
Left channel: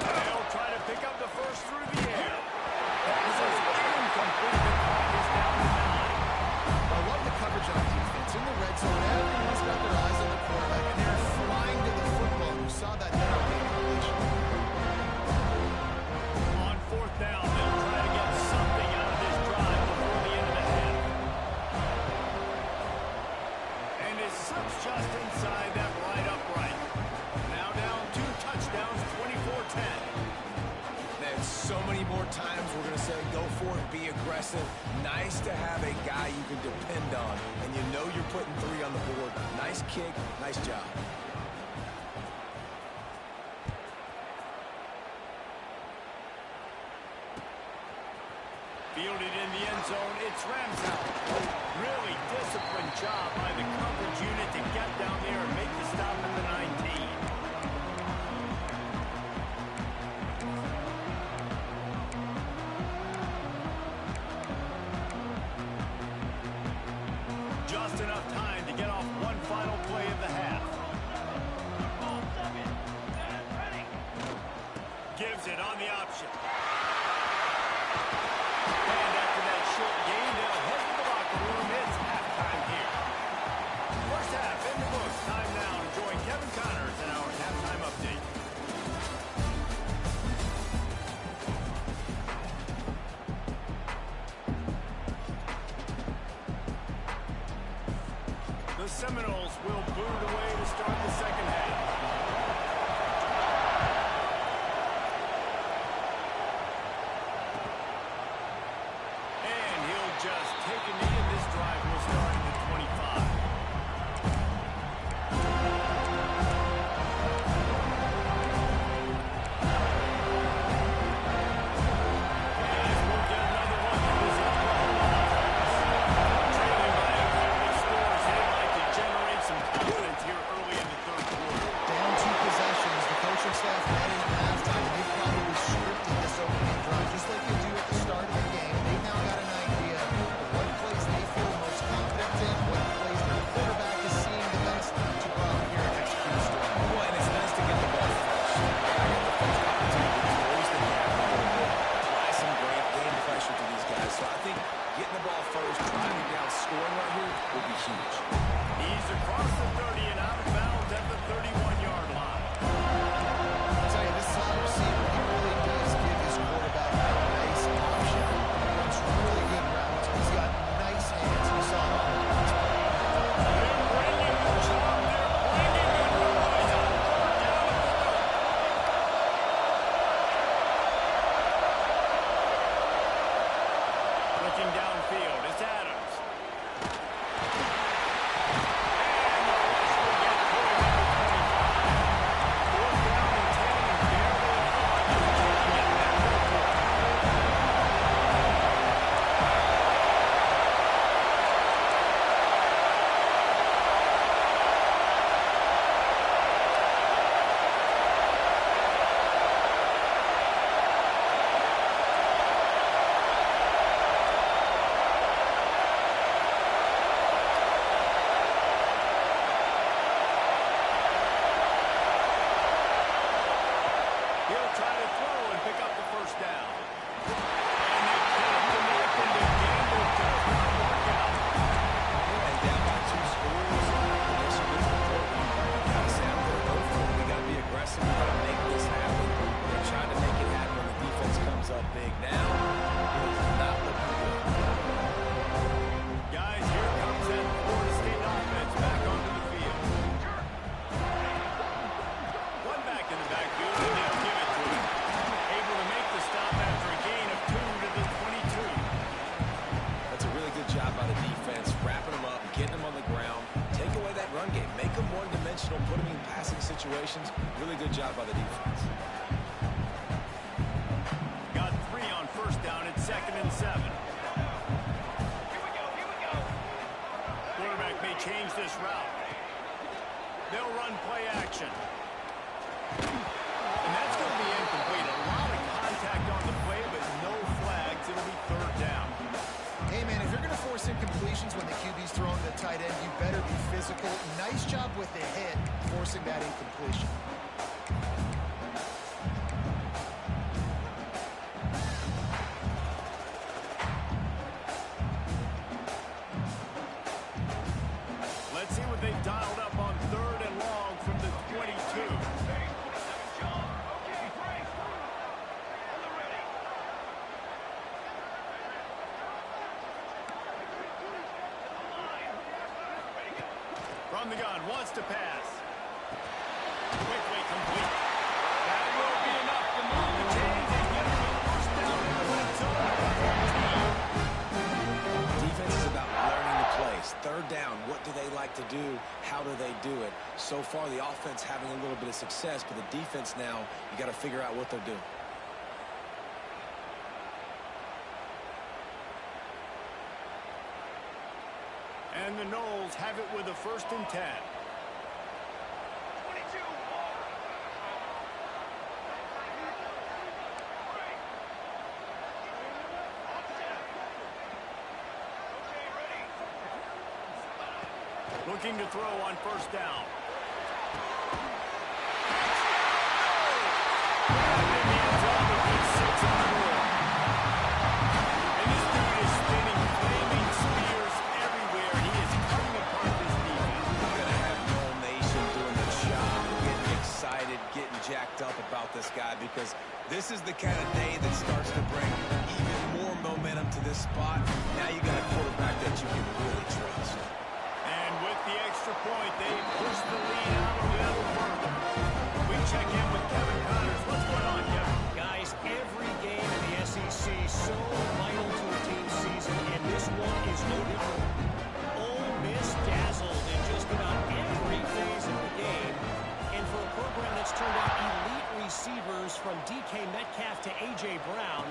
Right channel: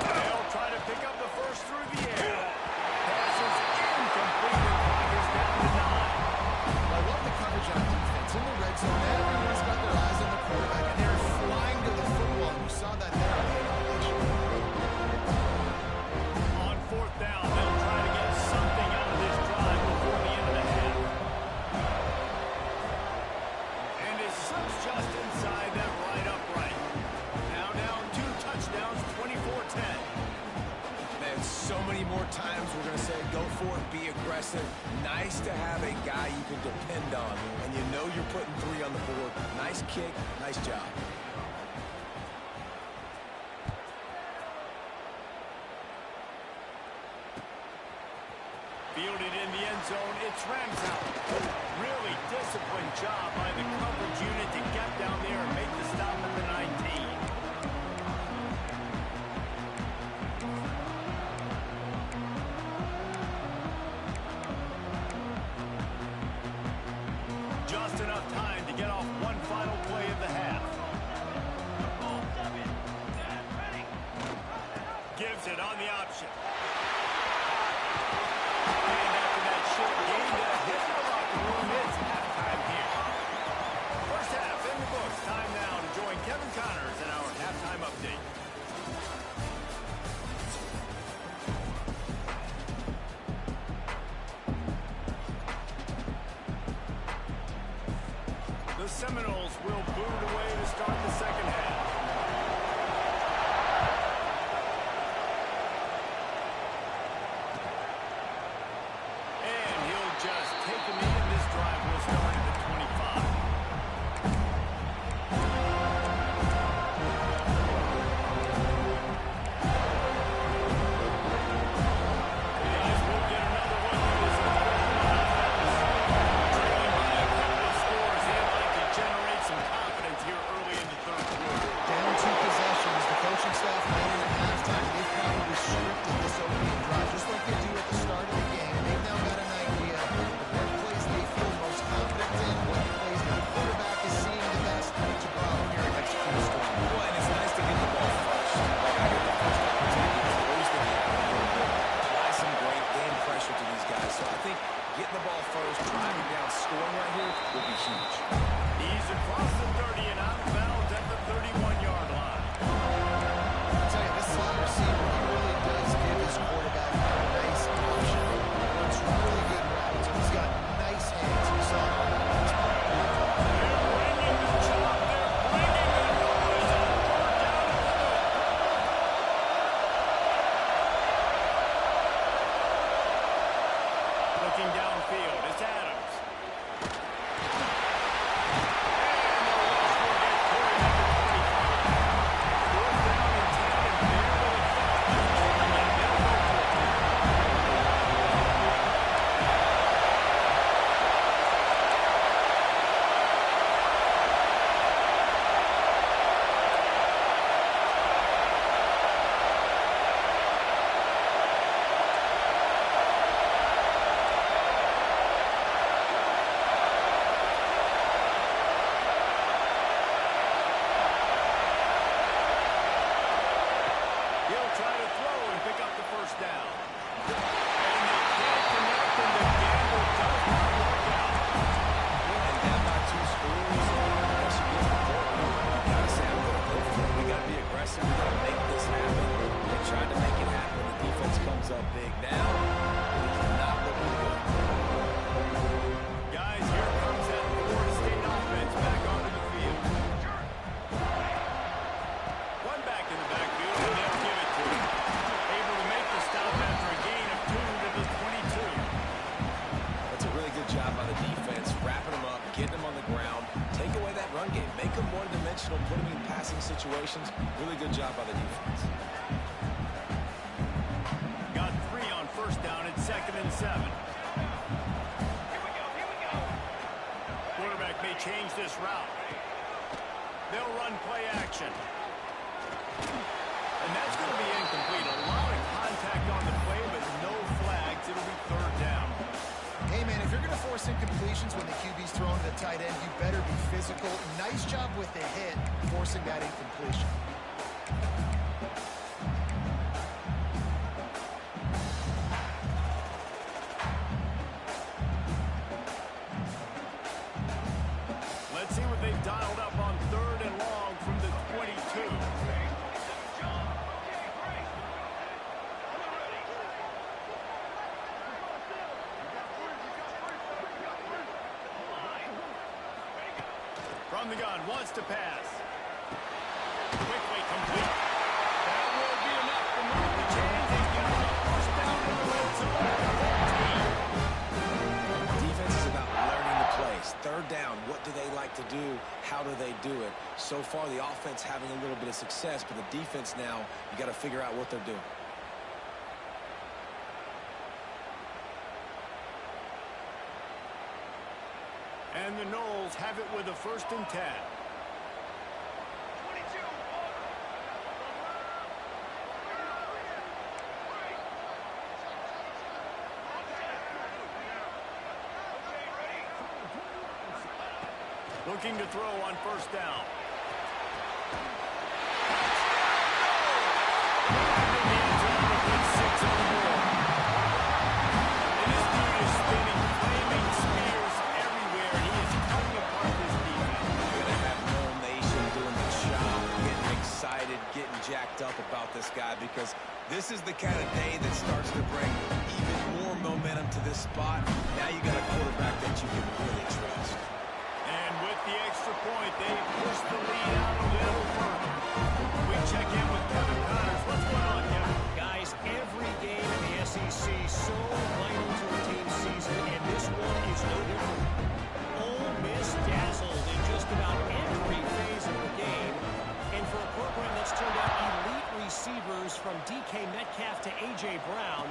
They'll try to pick up the first through the air. Pass is incomplete. The clock is down to 9. I love the coverage on defense. In the red zone, everyone's got their eyes on the quarterback, and they're flying to the football. And you saw that there on the incompletion. On fourth down, they'll try to get something out of this drive before the end of the half. And it slips just inside that right upright. Now down 2 touchdowns, 24-10. Man, so many more times we're going to say go for it, be aggressive. Nice to have a guy you can depend on, and you know you're putting 3 on the board. Nice kick, nice job. Fielded in the end zone, it's Ramsey. Really disciplined job by the coverage unit to get down there and make the stop at the 19. Just enough time to get off one final play of the half. Gives it on the option. And after that short gain, they'll head to the locker room. It's halftime here. First half in the books. Time now to join Kevin Connors in our halftime update. The Seminoles will boot it away to start the second half. Just take a knee, and this drive will start at the 25. The guys will get another one through this Oklahoma offense. Trailing by a couple of scores, they'd like to generate some confidence here early in the third quarter. Down 2 possessions, the coaching staff met in at halftime, and they've probably scripted this opening drive just like they do at the start of the game. They've now got an idea of what plays they feel most confident in, what plays their quarterback is seeing the best to go out here and execute a storm. Well, and it's nice to get the ball first. Like, I got the first opportunity to close the gap a little bit, apply some great game pressure to these guys. So I think getting the ball first, driving down, scoring right here will be huge. He's across the 30 and out of bounds at the 31-yard line. I'll tell you, this slot receiver, he really does give his quarterback a nice option. Runs really good routes. He's got nice hands. You saw it on that last play. They're bringing the chop. They're bringing the noise on third down at the loop. Looking downfield, it's Adams. And the rush will get to him at the 25. Fourth down and 10, and barely a thought of kicking it. They'll go for it. He'll try to throw and pick up the first down. And they can't connect, and the gamble does not work out. And down by 2 scores, I guess you get to the point where you got to say, I'm going to go for it. We got to be aggressive getting them on the ground, take away that run game, make them one-dimensional, put them in passing situations. Really good job by the defense. Got 3 on first down at 2nd and 7. Quarterback may change this route. They'll run play action. And that's going to be incomplete. A lot of contact on the play, but no flags. It'll be 3rd down. Hey, man, if you're going to force incompletions when the QB's throwing to the tight end, you better be physical. Nice job with the hit, forcing that incompletion. Let's see what they've dialed up on 3rd and long from the 22. From the gun, wants to pass. Quickly complete. That will be enough to move the chains and give them a first down in the red zone at 14. Defense is about learning the plays. 3rd down, what do they like to do? How do they do it? So far, the offense having a little bit of success, but the defense now, you got to figure out what they're doing. And the Knowles have it with a 1st and 10. 22, water. Okay, ready. Looking to throw on 1st down. Grabbed in the end zone to put 6 on the board. And this dude is spinning flaming spears everywhere. He is cutting apart this defense. You're going to have Noel Nation doing the chop, getting excited, getting jacked up about this guy, because this is the kind of day that starts to bring even more momentum to this spot. Now you got a quarterback that you can really trust. And with the extra point, they push the lead out a little further. We check in with Kevin Connors. What's going on, Kevin? Guys, every game in the SEC so vital to a team's season, and this one is no different. Ole Miss dazzled in just about every phase of the game. And for a program that's turned out elite receivers from DK Metcalf to A.J. Brown,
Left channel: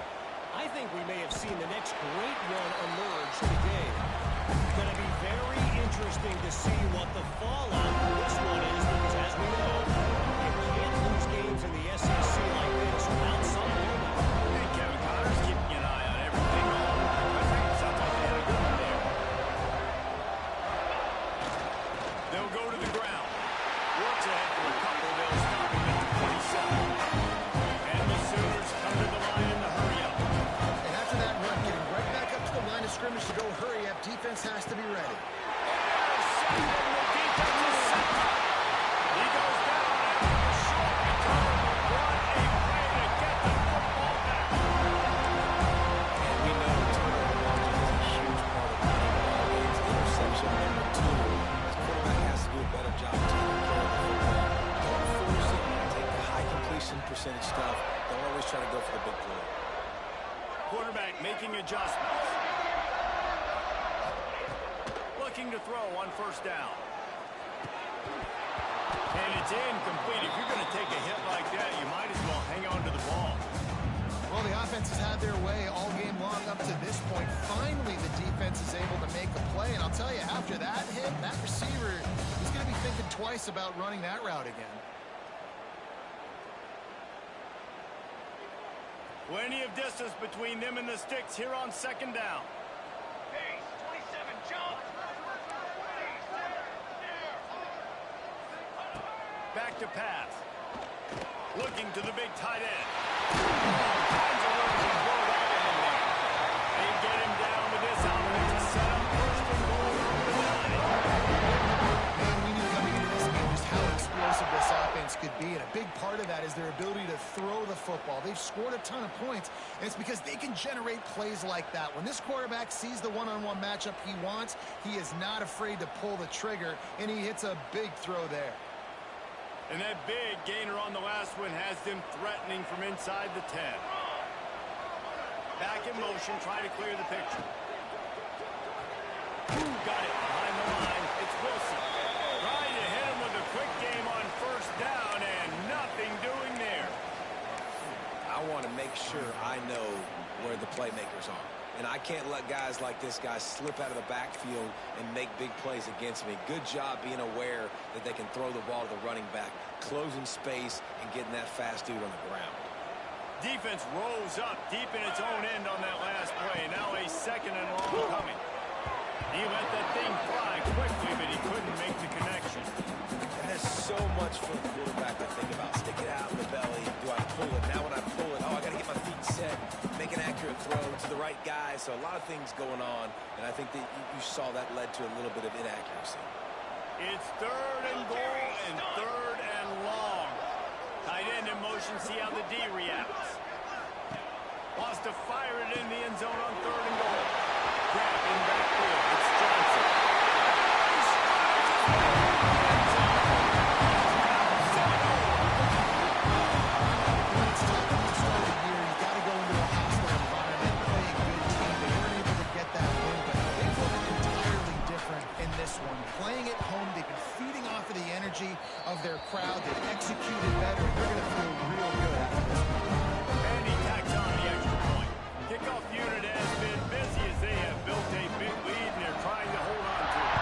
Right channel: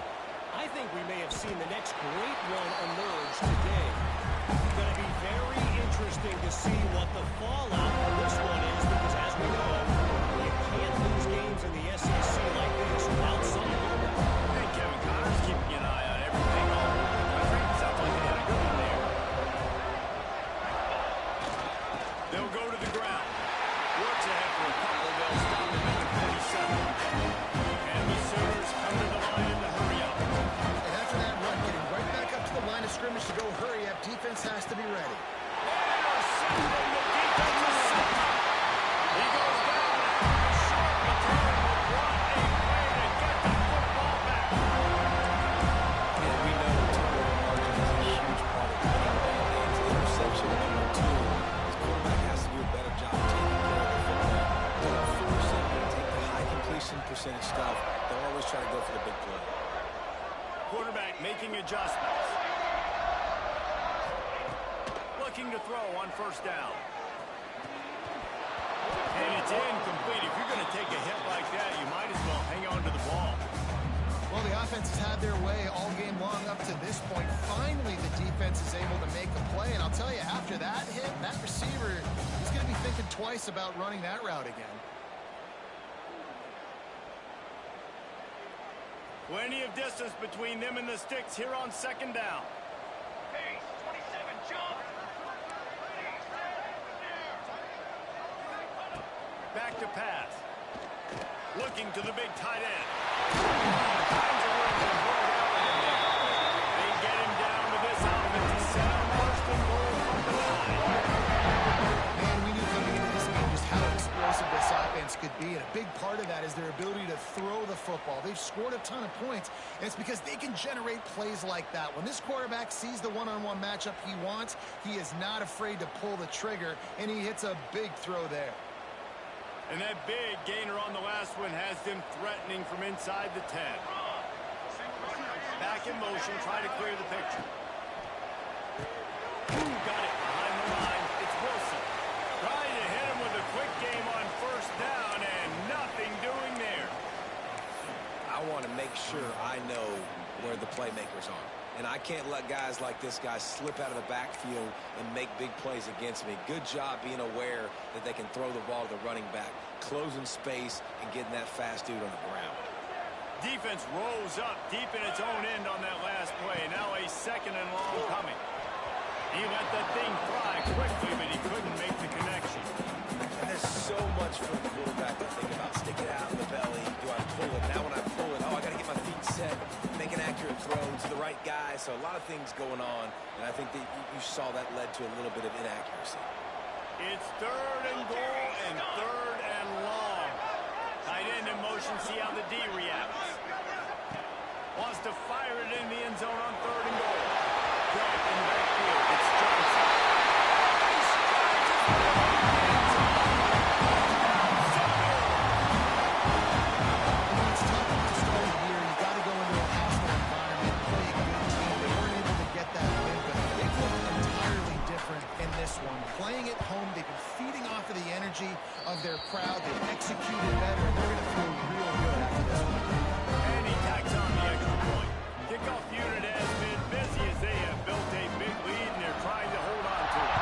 I think we may have seen the next great one emerge today. Going to be very interesting to see what the fallout from this one is, because as we know, you can't lose games in the SEC like this without some moment. Hey, Kevin Connors, keeping an eye on everything all over the country. Sounds like they had a good one there. They'll go to the ground. Works ahead for a couple. They'll stop him at the 27. And the Sooners come to the line in the hurry-up. And after that run, getting right back up to the line of scrimmage to go hurry up, defense has to be ready. Intercepted. The defense is set up. He goes down after the short return, but what a play to get the football back. And we know turnover margin is a huge part of winning ball games. Interception number 2. This quarterback has to do a better job taking care of the football. Don't force it. Take the high completion percentage stuff. Don't always try to go for the big play. Quarterback making adjustments. Looking to throw on 1st down. And it's incomplete. If you're going to take a hit like that, you might as well hang on to the ball. Well, the offense has had their way all game long up to this point. Finally, the defense is able to make a play. And I'll tell you, after that hit, that receiver, he's going to be thinking twice about running that route again. Plenty of distance between them and the sticks here on 2nd down. Pace, 27, jump. Ready, set, snare. Back to pass. Looking to the big tight end. All kinds of room to throw that one in there. They get him down to this offense. Set up 1st and goal from the 9. Man, we knew coming into this game just how explosive this offense could be, and a big part of that is their ability to throw the football. They've scored a ton of points, and it's because they can generate plays like that. When this quarterback sees the one-on-one matchup he wants, he is not afraid to pull the trigger, and he hits a big throw there. And that big gainer on the last one has them threatening from inside the 10. Back in motion, try to clear the picture. Ooh, got it behind the line. the playmakers are. And I can't let guys like this guy slip out of the backfield and make big plays against me. Good job being aware that they can throw the ball to the running back, closing space, and getting that fast dude on the ground. Defense rolls up deep in its own end on that last play. Now a second and long coming. He let that thing fly quickly, but he couldn't make the connection. And there's so much for the quarterback to think about. Stick it out in the belly. Do I pull it? Now when I pull it, I got to get my feet set, make an accurate throw to the right guy. So a lot of things going on, and I think that you saw that led to a little bit of inaccuracy. It's third and goal and third and long. Tight end in motion, see how the D reacts. Wants to fire it in the end zone on third and goal. Grab in the backfield. It's Johnson. He strides his way into the end zone. Touchdown, 7-0. It's tough to start a year. You got to go into a hostile environment, play a good team. They weren't able to get that win, but they've looked entirely different in this one. Playing at home, they've been feeding off of the energy of their crowd. They've executed better, and they're going to feel real good after this one. And he tacks on the extra point. Kickoff unit has been busy as they have built a big lead, and they're trying to hold on to it.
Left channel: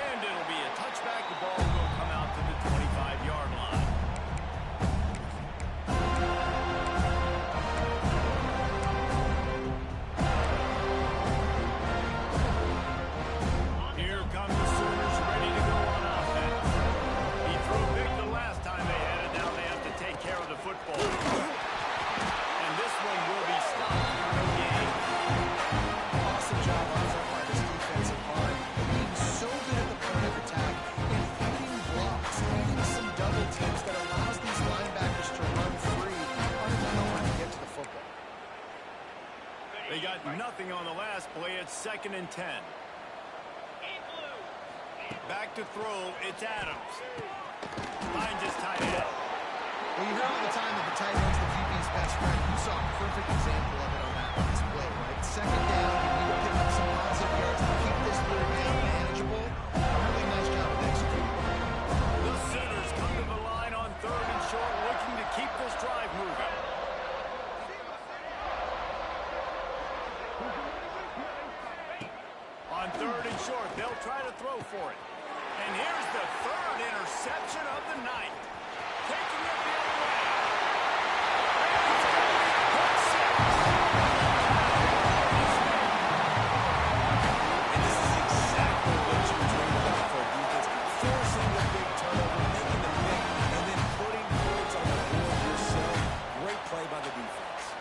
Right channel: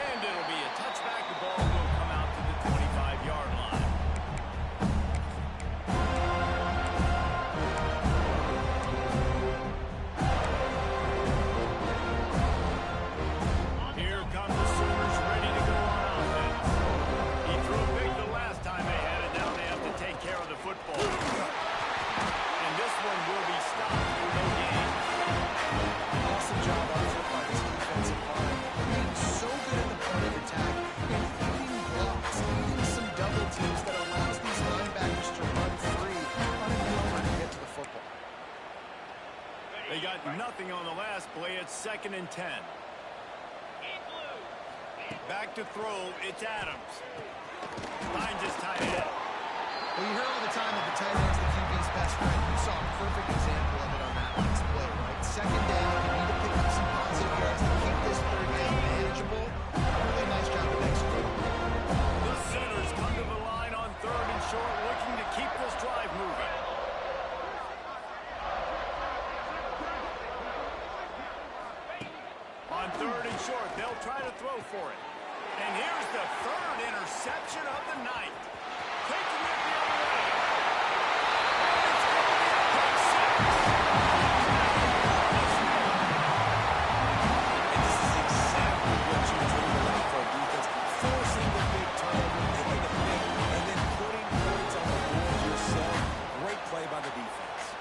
And it'll be a touchback. The ball will come out to the 25-yard line. Here come the Sooners ready to go on offense. He threw a pick the last time they had it. Now they have to take care of the football. And this one will be stopped for no gain. Awesome job on foot by this defensive line. Being so good at the point of attack and eating blocks, eating some double teams that allows these linebackers to run free, unencumbered to get to the football. They got nothing on the last play. It's 2nd and 10. Back to throw. It's Adams. Finds his tight end. Well, you hear all the time that the tight end's the QB's best friend. You saw a perfect example of it on that last play, right? 2nd down, you need to pick up some positive yards to keep this third down manageable. Really nice job of executing. The Sooners come to the line on 3rd and short, looking to keep this drive moving. On 3rd and short, they'll try to throw for it. And here's the 3rd interception of the night. Taking it the other way. And it's going to be a pick six. Touchdown, FloridaState. And this is exactly what you dream about for a defense. Forcing the big turnover, making the pick, and then putting points on the board yourself. Great play by the defense.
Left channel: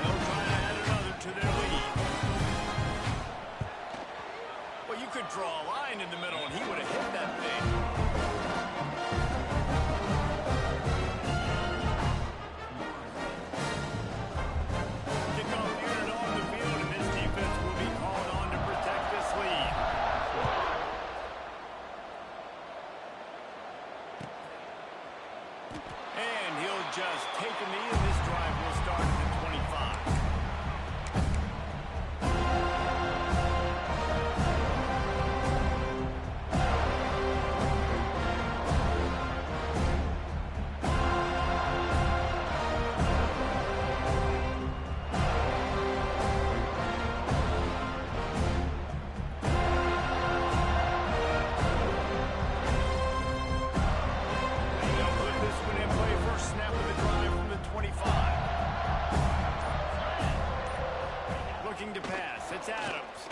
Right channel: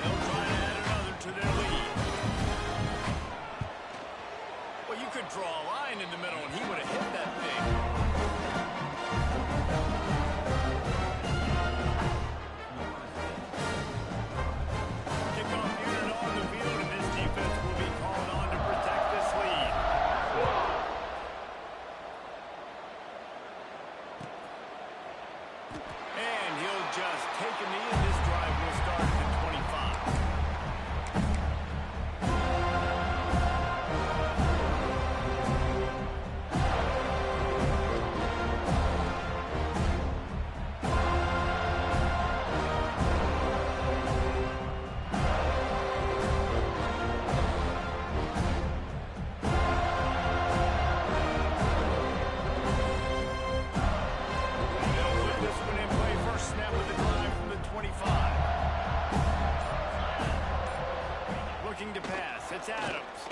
They'll try to add another to their lead. Well, you could draw a line in the middle, and he would have hit that thing. Kickoff unit on the field, and this defense will be called on to protect this lead. And he'll just take a knee, and this drive will start at the 25. They'll put this one in play. First snap of the drive from the 25. Looking to pass. It's Adams.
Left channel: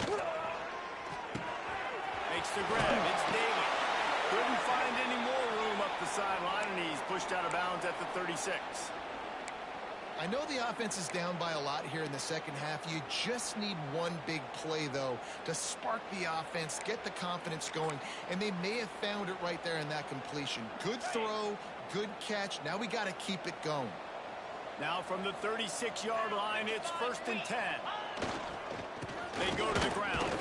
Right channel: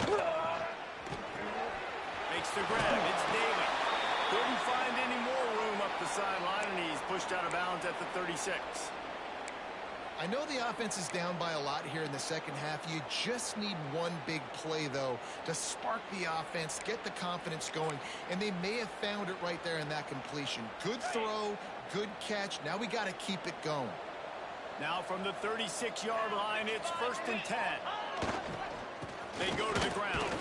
Makes the grab. It's Daly. Couldn't find any more room up the sideline, and he's pushed out of bounds at the 36. I know the offense is down by a lot here in the second half. You just need one big play, though, to spark the offense, get the confidence going, and they may have found it right there in that completion. Good throw, good catch. Now we got to keep it going. Now from the 36-yard line, it's 1st and 10. They go to the ground.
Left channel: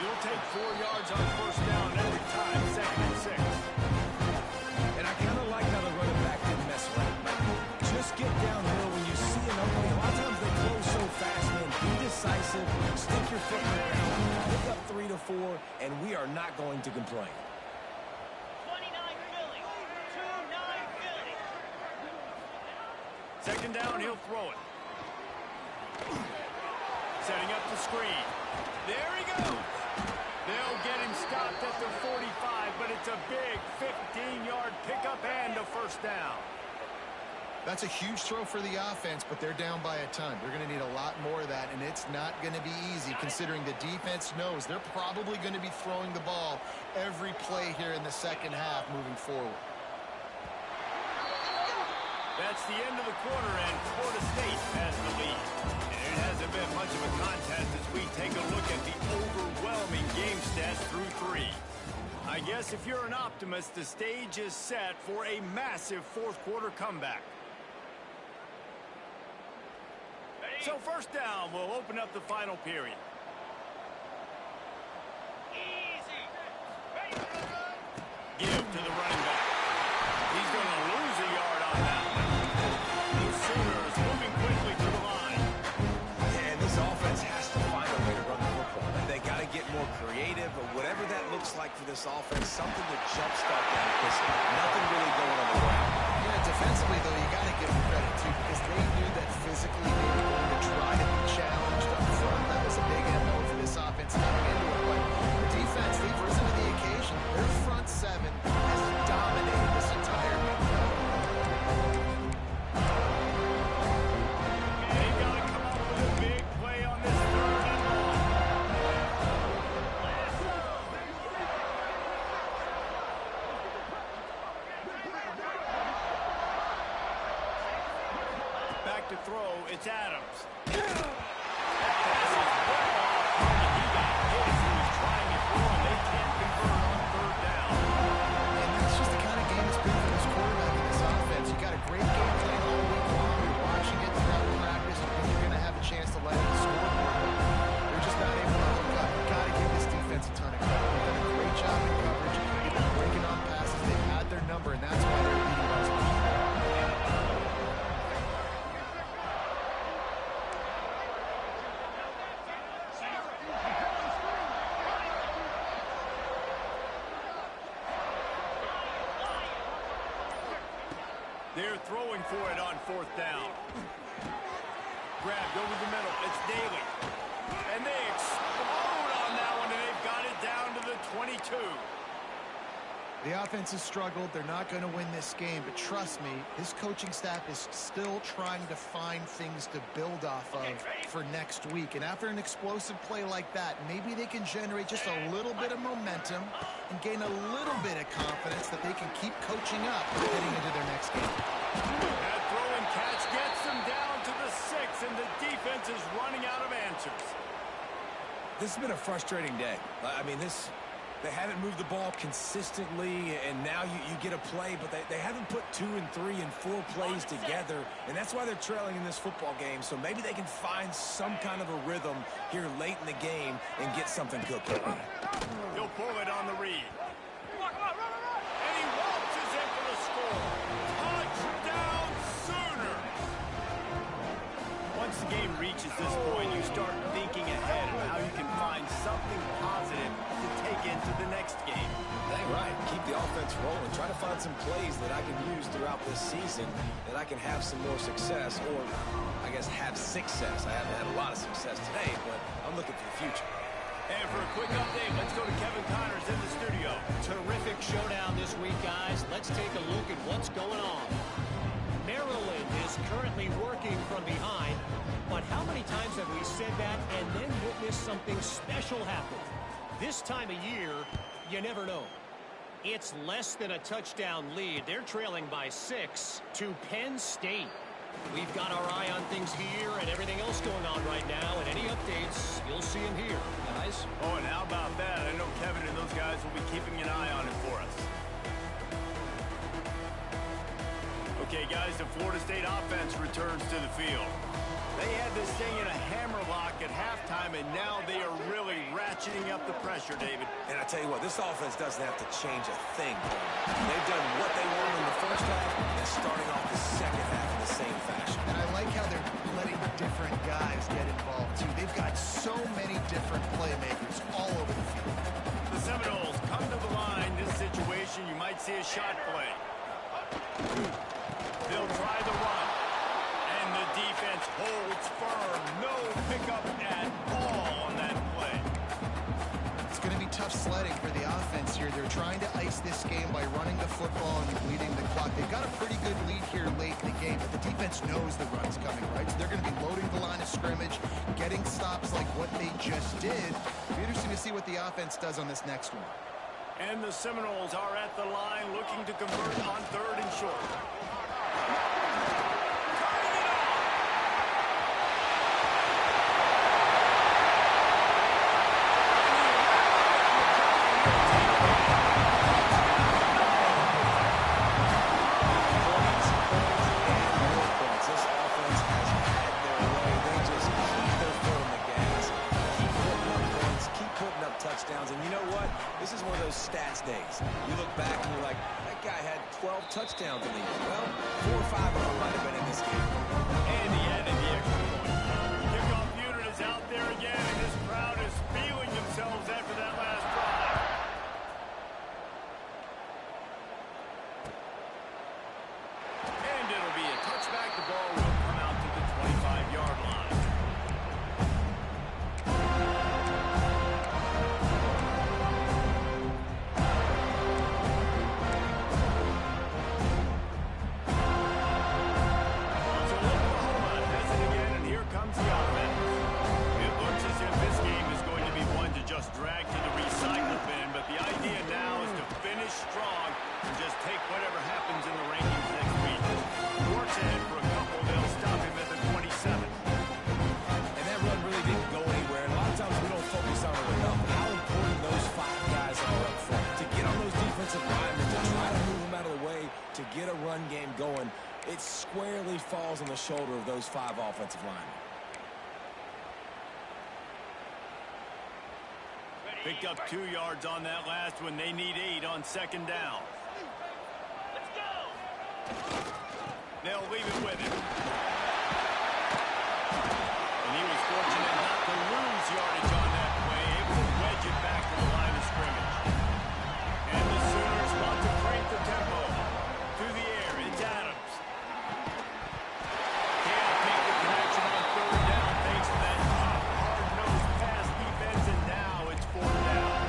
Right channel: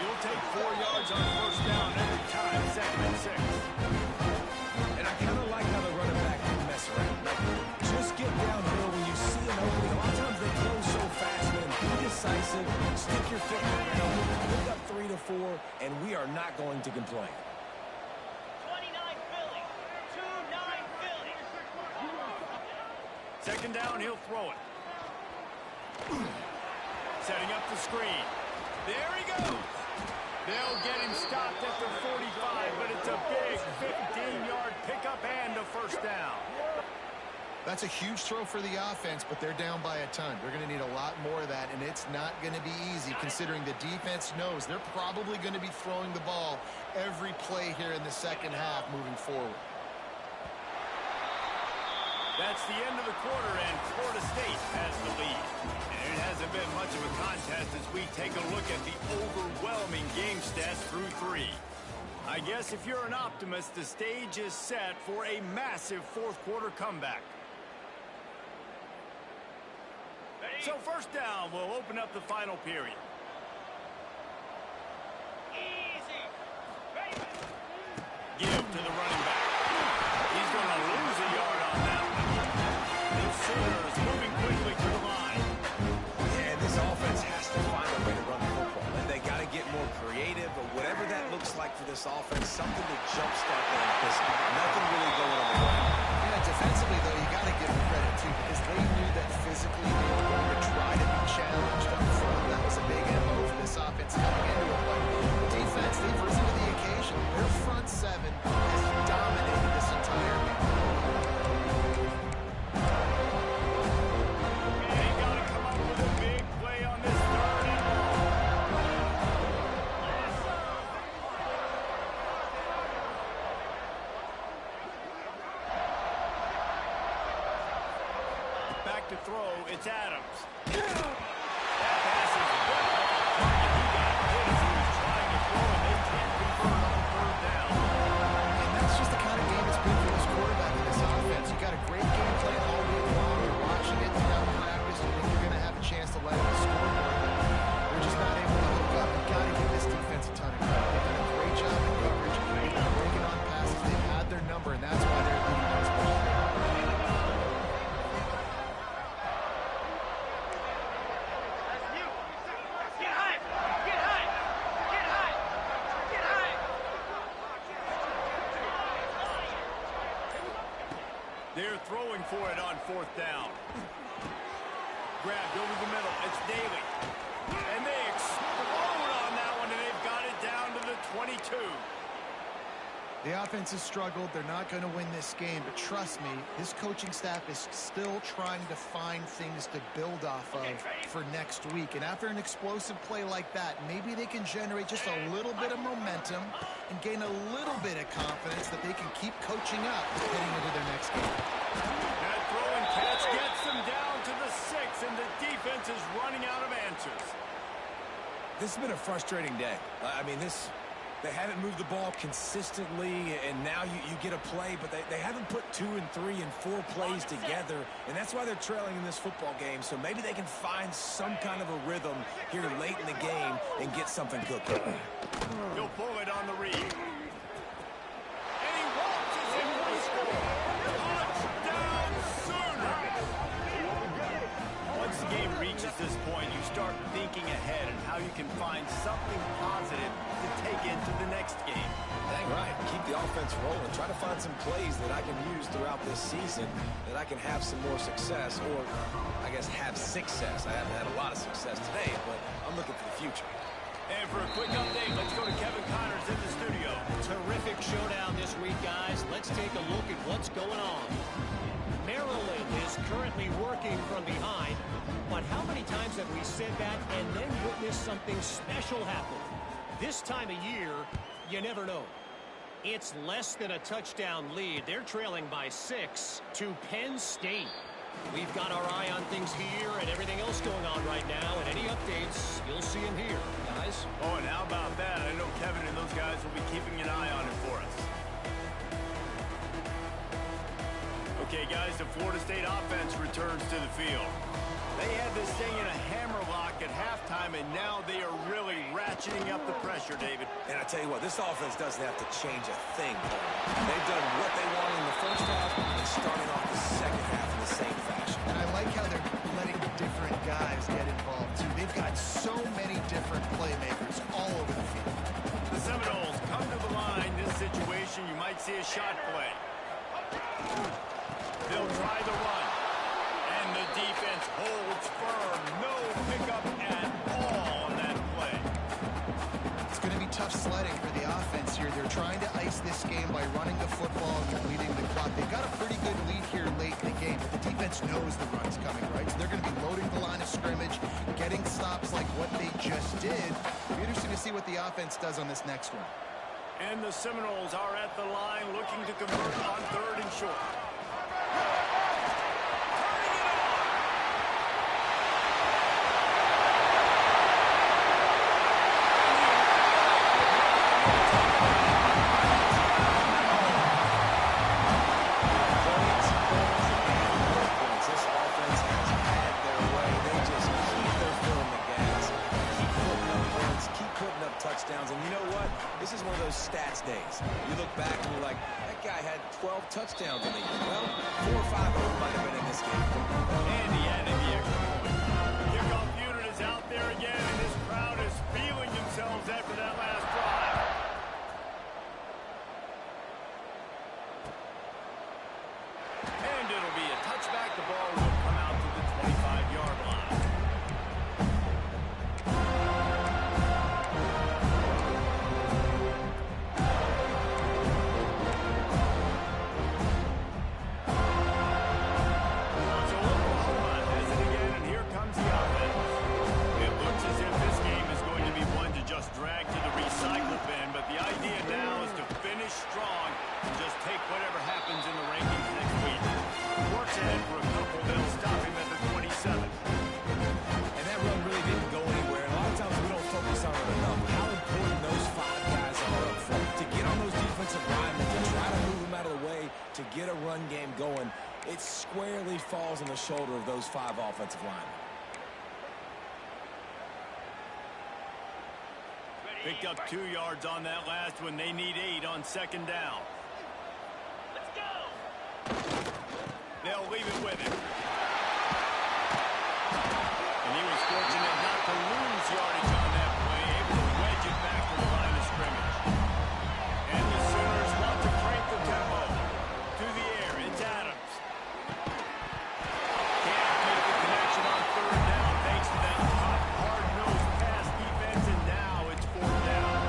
You'll take 4 yards on 1st down every time, 2nd and 6. And I kind of like how the running back didn't mess around. Like, just get downhill when you see an opening. A lot of times decisive, stick your foot in the ground, pick up 3 to 4, and we are not going to complain. 29 Philly. 2-9 Philly. Second down, he'll throw it. Setting up the screen. There he goes. They'll get him stopped at the 45, but it's a big 15-yard pickup and a first down. That's a huge throw for the offense, but they're down by a ton. They're going to need a lot more of that, and it's not going to be easy considering the defense knows they're probably going to be throwing the ball every play here in the second half moving forward. That's the end of the quarter, and Florida State has the lead. And it hasn't been much of a contest as we take a look at the overwhelming game stats through 3. I guess if you're an optimist, the stage is set for a massive fourth-quarter comeback. So first down, we'll open up the final period. Easy. Ready. Give to the running back. He's going to lose a yard on that one. The Sooners moving quickly to the line. Yeah, and this offense has to find a way to run the football. And they got to get more creative, or whatever that looks like for this offense, something to jumpstart them, because nothing really going on the ground. Yeah, defensively, though, you got to give them credit, too, because they knew that physically they were going to try to be challenged up front. That was a big MO for this offense coming into it. But the defense, they've risen to the occasion. Their front seven has dominated this entire game. They've got to come up with a big play on this third and long. Back to throw, it's Adams. That pass is well off target. He got hit as he was trying to throw, and they can't convert on third down. And that's just the kind of game it's been for this quarterback and this offense. You got a great game plan all week long. You're watching it throughout practice. You think you're going to have a chance to light up the scoreboard, but they're just not able to hook up. You've got to give this defense a ton of credit. They've done a great job in coverage. They've been breaking on passes. They've had their number, and that's why they're leading by as much as they are. They're throwing for it on fourth down. Grabbed over the middle. It's Daly. And they explode on that one, and they've got it down to the 22. The offense has struggled. They're not going to win this game, but trust me, this coaching staff is still trying to find things to build off of for next week. And after an explosive play like that, maybe they can generate just a little bit of momentum and gain a little bit of confidence that they can keep coaching up heading into their next game. That throw and catch gets them down to the 6, and the defense is running out of answers. This has been a frustrating day. I mean, they haven't moved the ball consistently, and now you get a play, but they haven't put 2 and 3 and 4 plays together, and that's why they're trailing in this football game. So maybe they can find some kind of a rhythm here late in the game and get something cooking. He'll pull it on the read. And he waltzes in for the score. Touchdown, Sooners! Once the game reaches this point, you start thinking ahead and how you can find something positive to take into the next game. Dang right. Keep the offense rolling. Try to find some plays that I can use throughout this season that I can have some more success, or I guess have success. I haven't had a lot of success today, but I'm looking for the future. And for a quick update, let's go to Kevin Connors in the studio. Terrific showdown this week, guys. Let's take a look at what's going on. Maryland is currently working from behind, but how many times have we said that and then witnessed something special happen? This time of year, you never know. It's less than a touchdown lead. They're trailing by 6 to Penn State. We've got our eye on things here and everything else going on right now, and any updates, you'll see them here, guys. Oh, and how about that? I know Kevin and those guys will be keeping an eye on it for us. Okay, guys, the Florida State offense returns to the field. They had this thing in a hammerlock at halftime, and now they are really ratcheting up the pressure, David. And I tell you what, this offense doesn't have to change a thing. They've done what they wanted in the first half and starting off the second half in the same fashion. And I like how they're letting different guys get involved, too. They've got so many different playmakers all over the field. The Seminoles come to the line. This situation, you might see a shot play. They'll try the run. And the defense holds firm. No pickup at all on that play. It's going to be tough sledding for the offense here. They're trying to ice this game by running the football and depleting the clock. They've got a pretty good lead here late in the game, but the defense knows the run's coming, right? So they're going to be loading the line of scrimmage, getting stops like what they just did. It'll be interesting to see what the offense does on this next one. And the Seminoles are at the line looking to convert on 3rd and short. Touchdowns, and you know what? This is one of those stats days. You look back and you're like, that guy had 12 touchdowns in the year. Well, 4 or 5 of them might have been in this game. And he added the extra point. Kickoff unit is out there again, and this crowd is feeling themselves after that last drive. And it'll be a touchback. The ball will come out to the 25-yard line. Drag to the recycle bin, but the idea now is to finish strong and just take whatever happens in the rankings next week. Works ahead for a couple. They'll stop him at the 27. And that run really didn't go anywhere. And a lot of times we don't focus on it enough. But how important those 5 guys are up front. To get on those defensive linemen, to try to move them out of the way, to get a run game going, it squarely falls on the shoulder of those 5 offensive linemen. Picked up 2 yards on that last one. They need 8 on 2nd down. Let's go! They'll leave it with him. And he was fortunate not to lose yardage on that play, able to wedge it back to the line of scrimmage. And the Sooners want to crank the tempo. To the air, it's Adams. Can't make the connection on 3rd down thanks to that tough, hard-nosed pass defense, and now it's 4th down.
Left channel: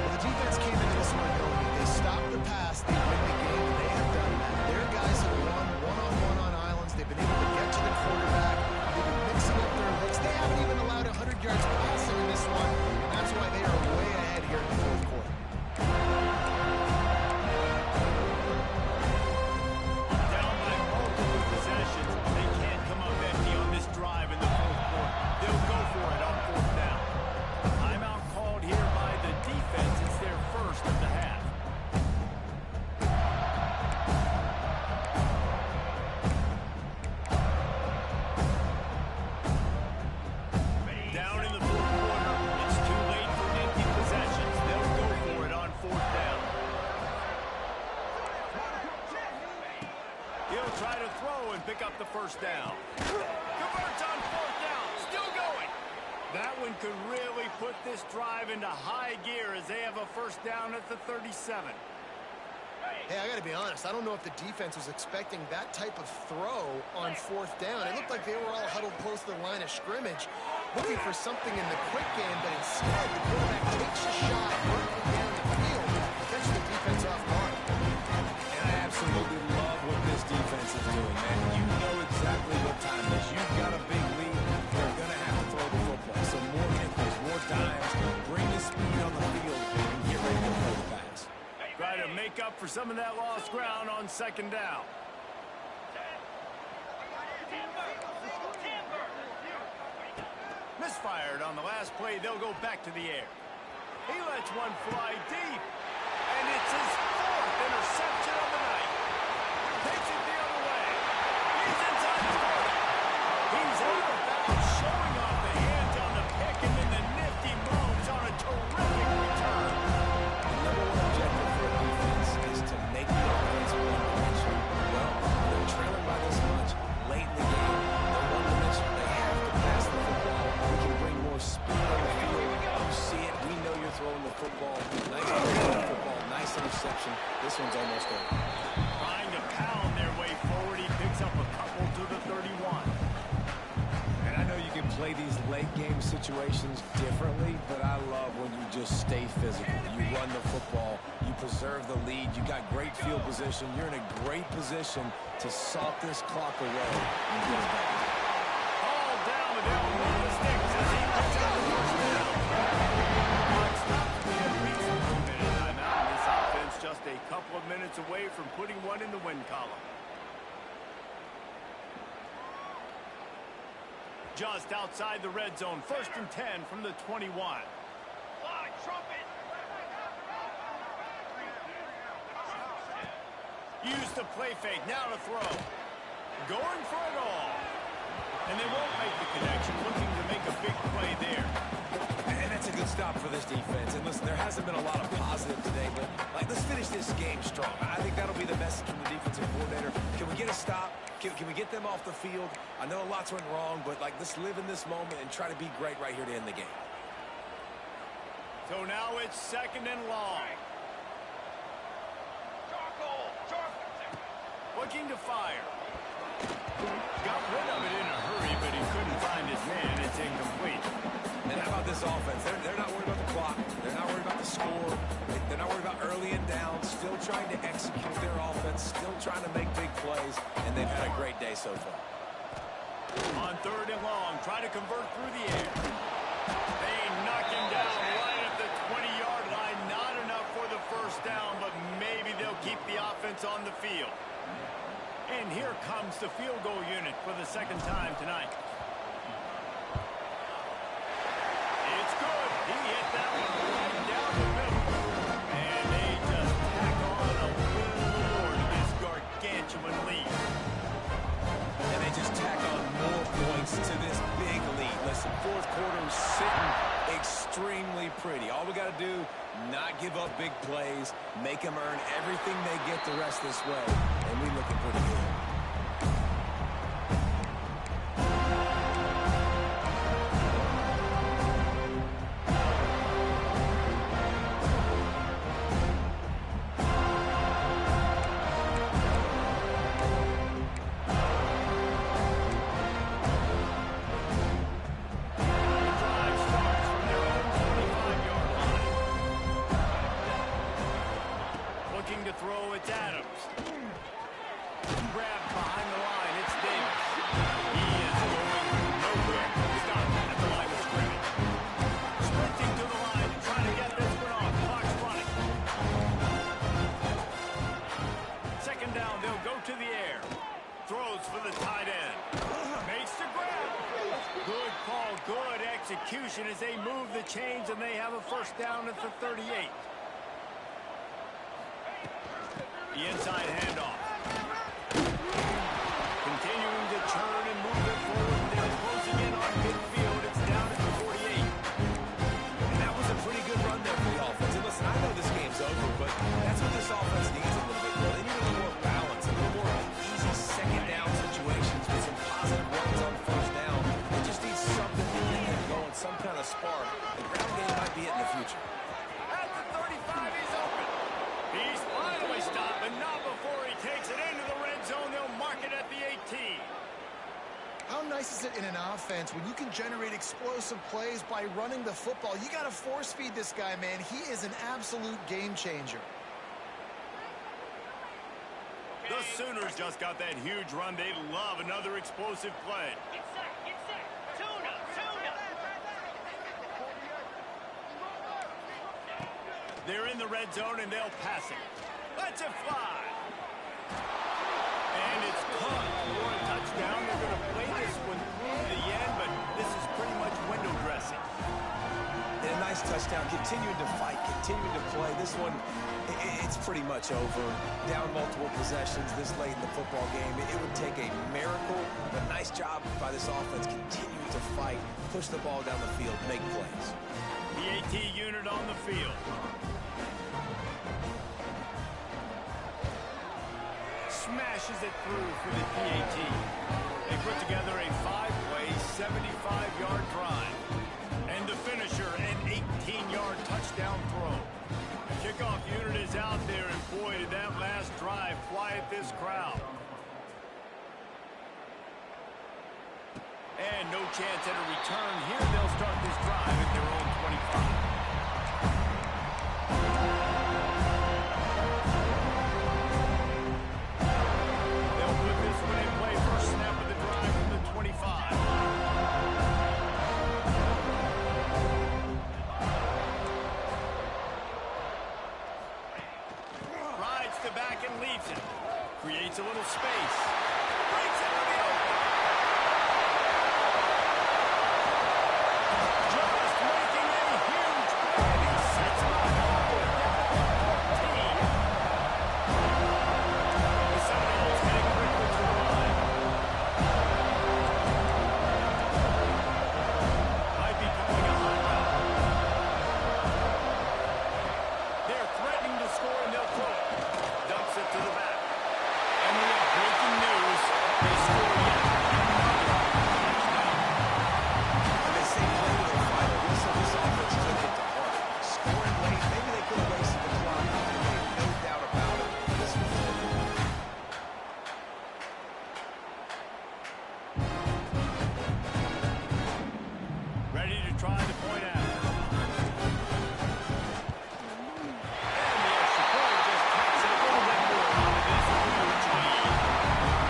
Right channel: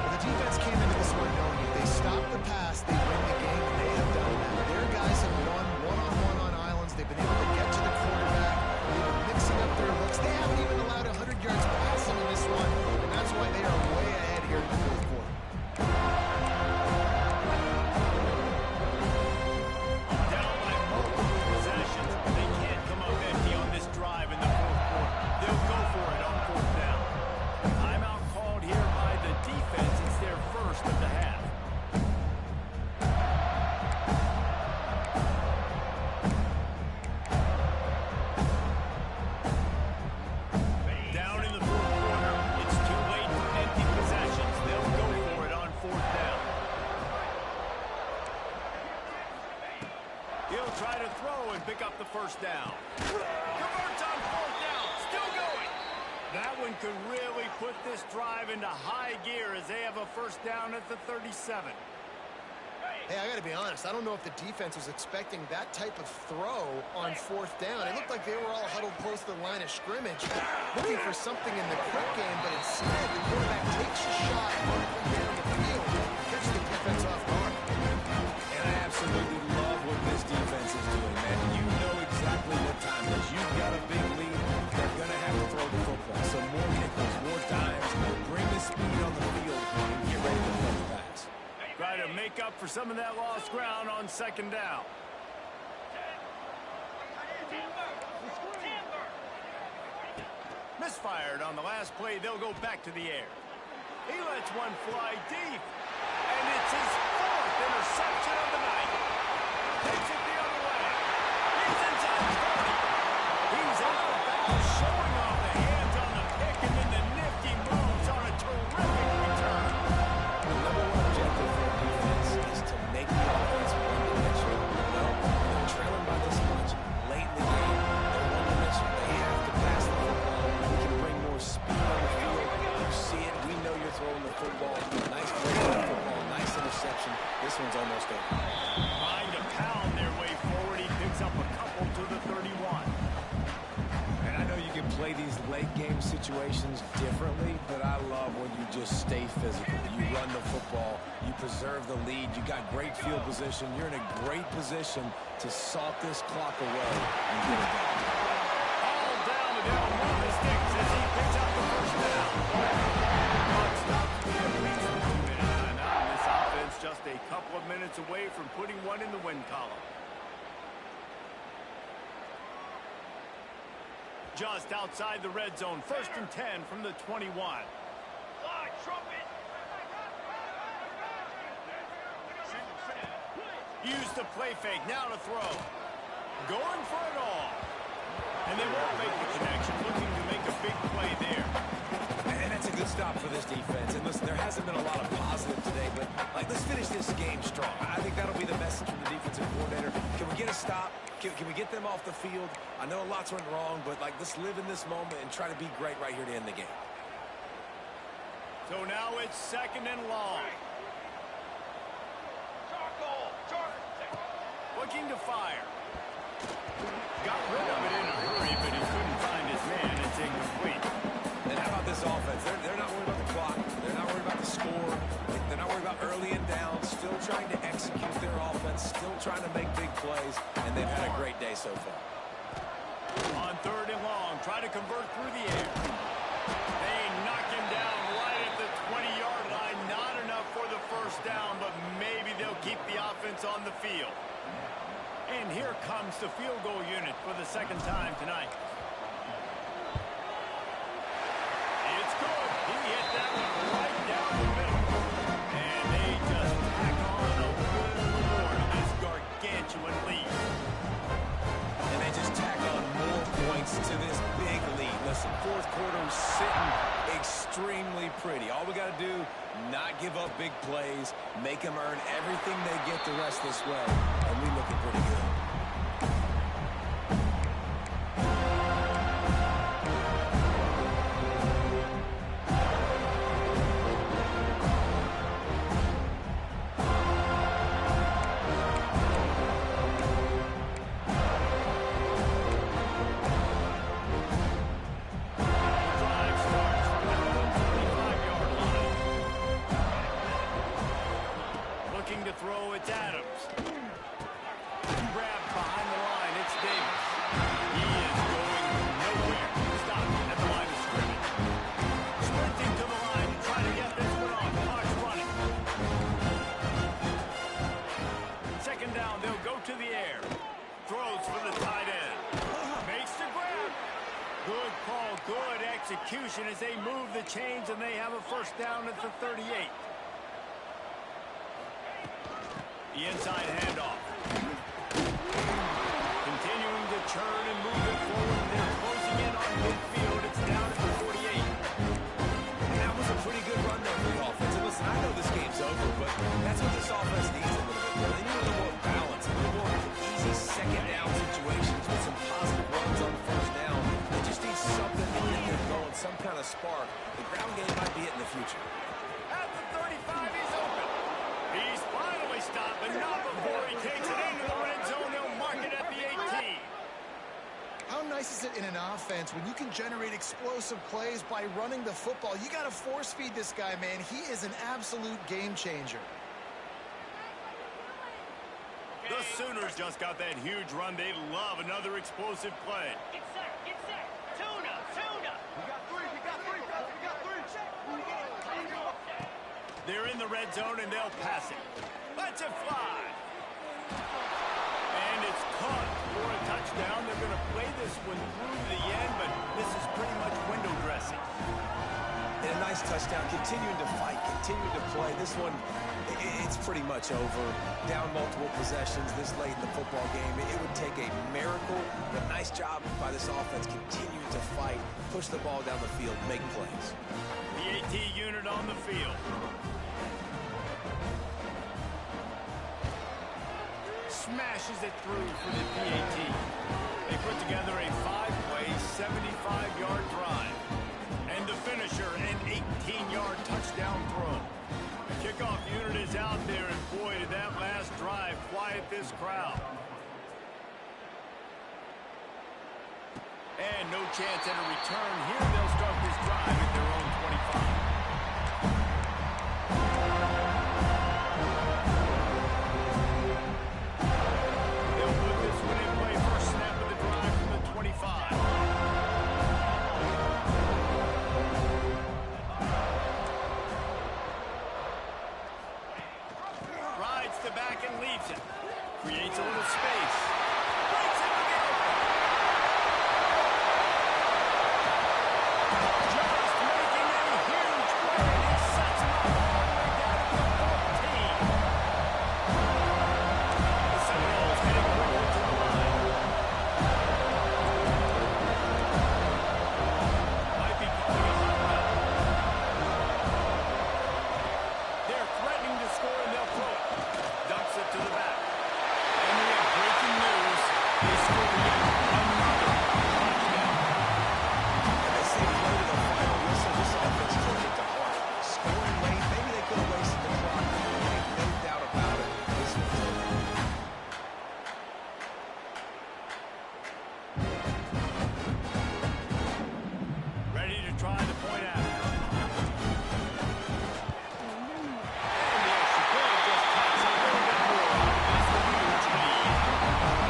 Well, the defense came into this one knowing if they stop the pass, they win the game, and they have done that. Their guys have won one-on-one on islands. They've been able to get to the quarterback. They've been mixing up their looks. They haven't even allowed 100 yards passing in this one, and that's why they are way ahead here in the 4th quarter. Down by multiple possessions. They can't come up empty on this drive in the 4th quarter. They'll go for it on 4th down. Timeout called here by the defense. It's their first of the half. Down in the 4th quarter, it's too late for empty possessions. They'll go for it on 4th down. He'll try to throw and pick up the 1st down. Converts on 4th down. Still going. That one could really put this drive into high gear as they have a 1st down at the 37. Hey, I got to be honest. I don't know if the defense was expecting that type of throw on 4th down. It looked like they were all huddled close to the line of scrimmage, looking for something in the quick game, but instead the quarterback takes a shot vertically down the field, catches the defense off guard. And I absolutely love what this defense is doing, man. You know exactly what time it is. You've got a big lead. They're going to have to throw the football. So more nickels, more dimes, bring the speed on the field, and get ready to play the pass. Try to make up for some of that lost ground on 2nd down. Misfired on the last play. They'll go back to the air. He lets one fly deep. And it's his 4th interception of the night. Takes it the other He's out of bounds, showing off the hands on the pick, and then the nifty moves on a terrific return. The number one objective for a defense is to make the offense one-dimensional. Well, they're trailing by this much late in the game. They're one-dimensional. They have to pass the football. We can bring more speed on the field. You see it. We know you're throwing the football. Nice football. Nice interception. This one's almost over. Trying to pound their way forward. He picks up a couple to the 31. And I know you can play these late game situations differently, but I love when you just stay physical. You run the football, you preserve the lead, you got great field position, you're in a great position to salt this clock away and get it done. All down the down one of the sticks as he picks out the first down. Clock stops with a brief 2-minute timeout, and this offense just a couple of minutes away from putting one in the win column. Just outside the red zone, 1st and 10 from the 21. Fly, trumpet. Use the play fake, now to throw. Going for it all. And they won't make the connection, looking to make a big play there. And that's a good stop for this defense. And listen, there hasn't been a lot of positive today, but let's finish this game strong. I think that'll be the message from the defensive coordinator. Can we get a stop? Can we get them off the field? I know lots went wrong, but let's live in this moment and try to be great right here to end the game. So now it's 2nd and long. Charcoal. Looking to fire. Got rid of it in a hurry, but he couldn't find his man. It's incomplete. And how about this offense? They're not worried about the clock. They're not worried about the score. They're not worried about early and down. Still trying to execute their offense. Still trying to make big plays. And they've had a great day so far. On 3rd and long, try to convert through the air. They knock him down right at the 20-yard line. Not enough for the first down, but maybe they'll keep the offense on the field. And here comes the field goal unit for the 2nd time tonight. It's good. He hit that one right down the middle. And they just tack on a little more to this gargantuan lead. And they just tack on more points to this big lead. Listen, 4th quarter sitting extremely pretty. All we got to do, not give up big plays, make them earn everything they get the rest this way. And we looking pretty good. To throw, it's Adams. Grabbed behind the line, it's Davis. He is going nowhere. Stop at the line of scrimmage. Sprinting to the line to try to get this one off. Clock's running. 2nd down, they'll go to the air. Throws for the tight end. Makes the grab. Good call, good execution as they move the chains and they have a 1st down at the 38. The inside handoff. Continuing to churn and move it forward. They're closing in on midfield. It's down at the 48. And that was a pretty good run there for the offense. And listen, I know this game's over, but that's what this offense needs a little bit more. They need a little more balance, a little more easy 2nd down situations with some positive runs on 1st down. They just need something to get them going, some kind of spark. The ground game might be it in the future. At the 35, he's open. He's finally stopped, but not before he takes it into the red zone. They'll mark it at the 18. How nice is it in an offense when you can generate explosive plays by running the football? You got to force feed this guy, man. He is an absolute game changer. The Sooners just got that huge run. They love another explosive play. Get set. Tuna. They're in the red zone, and they'll pass it. Let's it fly. And it's caught for a touchdown. They're going to play this one through to the end, but this is pretty much window dressing. And a nice touchdown, continuing to fight, continuing to play. This one, It's pretty much over. Down multiple possessions this late in the football game. It would take a miracle, but nice job by this offense continuing to fight, push the ball down the field, make plays. The AT unit on the field. Smashes it through for the PAT. They put together a 5-play, 75-yard drive. And the finisher, an 18-yard touchdown throw. The kickoff unit is out there, and boy, did that last drive quiet this crowd. And no chance at a return here. They'll start this drive at their own 25. They'll put this one in play. First snap of the drive from the 25. Rides to back and leaves it. Creates a little space. Breaks into the open. Just making a huge play, and he sets him up all the way down to the 14. The Seminoles heading quickly to the line. Might be calling a hot route. They're threatening to score, and they'll throw it. Dumps it to the back. And we have breaking news. They score yet another touchdown. And they say play to the final whistle. This offense took it to heart. Scoring late, maybe they could have wasted the clock. They have no doubt about it. This one's over. Ready to try the point after. And the extra point just tacks it a little bit more onto this huge lead.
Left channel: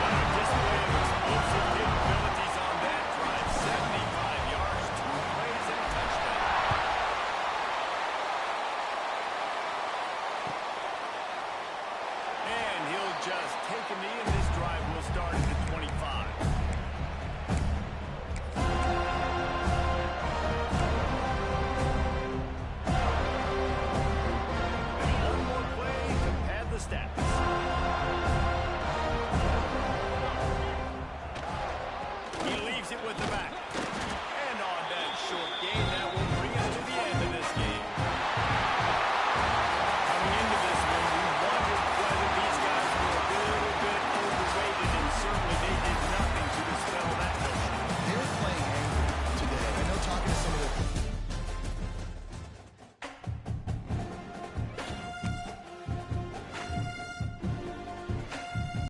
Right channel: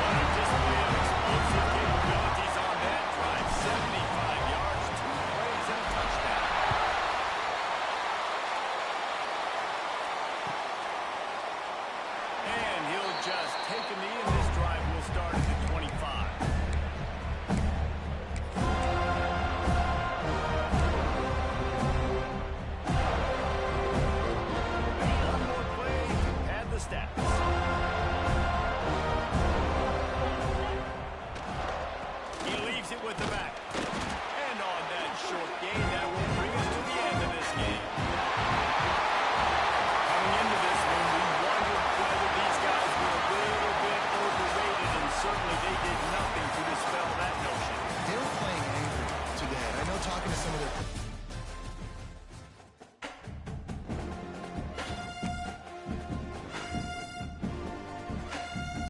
What a display of explosive capabilities on that drive. 75 yards, 2 plays, and a touchdown. And he'll just take a knee, and this drive will start at the 25. One more play to pad the stats. He leaves it with the back. And on that short gain, that will bring us to the end of this game. Coming into this one, we wondered whether these guys were a little bit overrated, and certainly they did nothing to dispel that notion. They were playing angry today. I know talking to some of the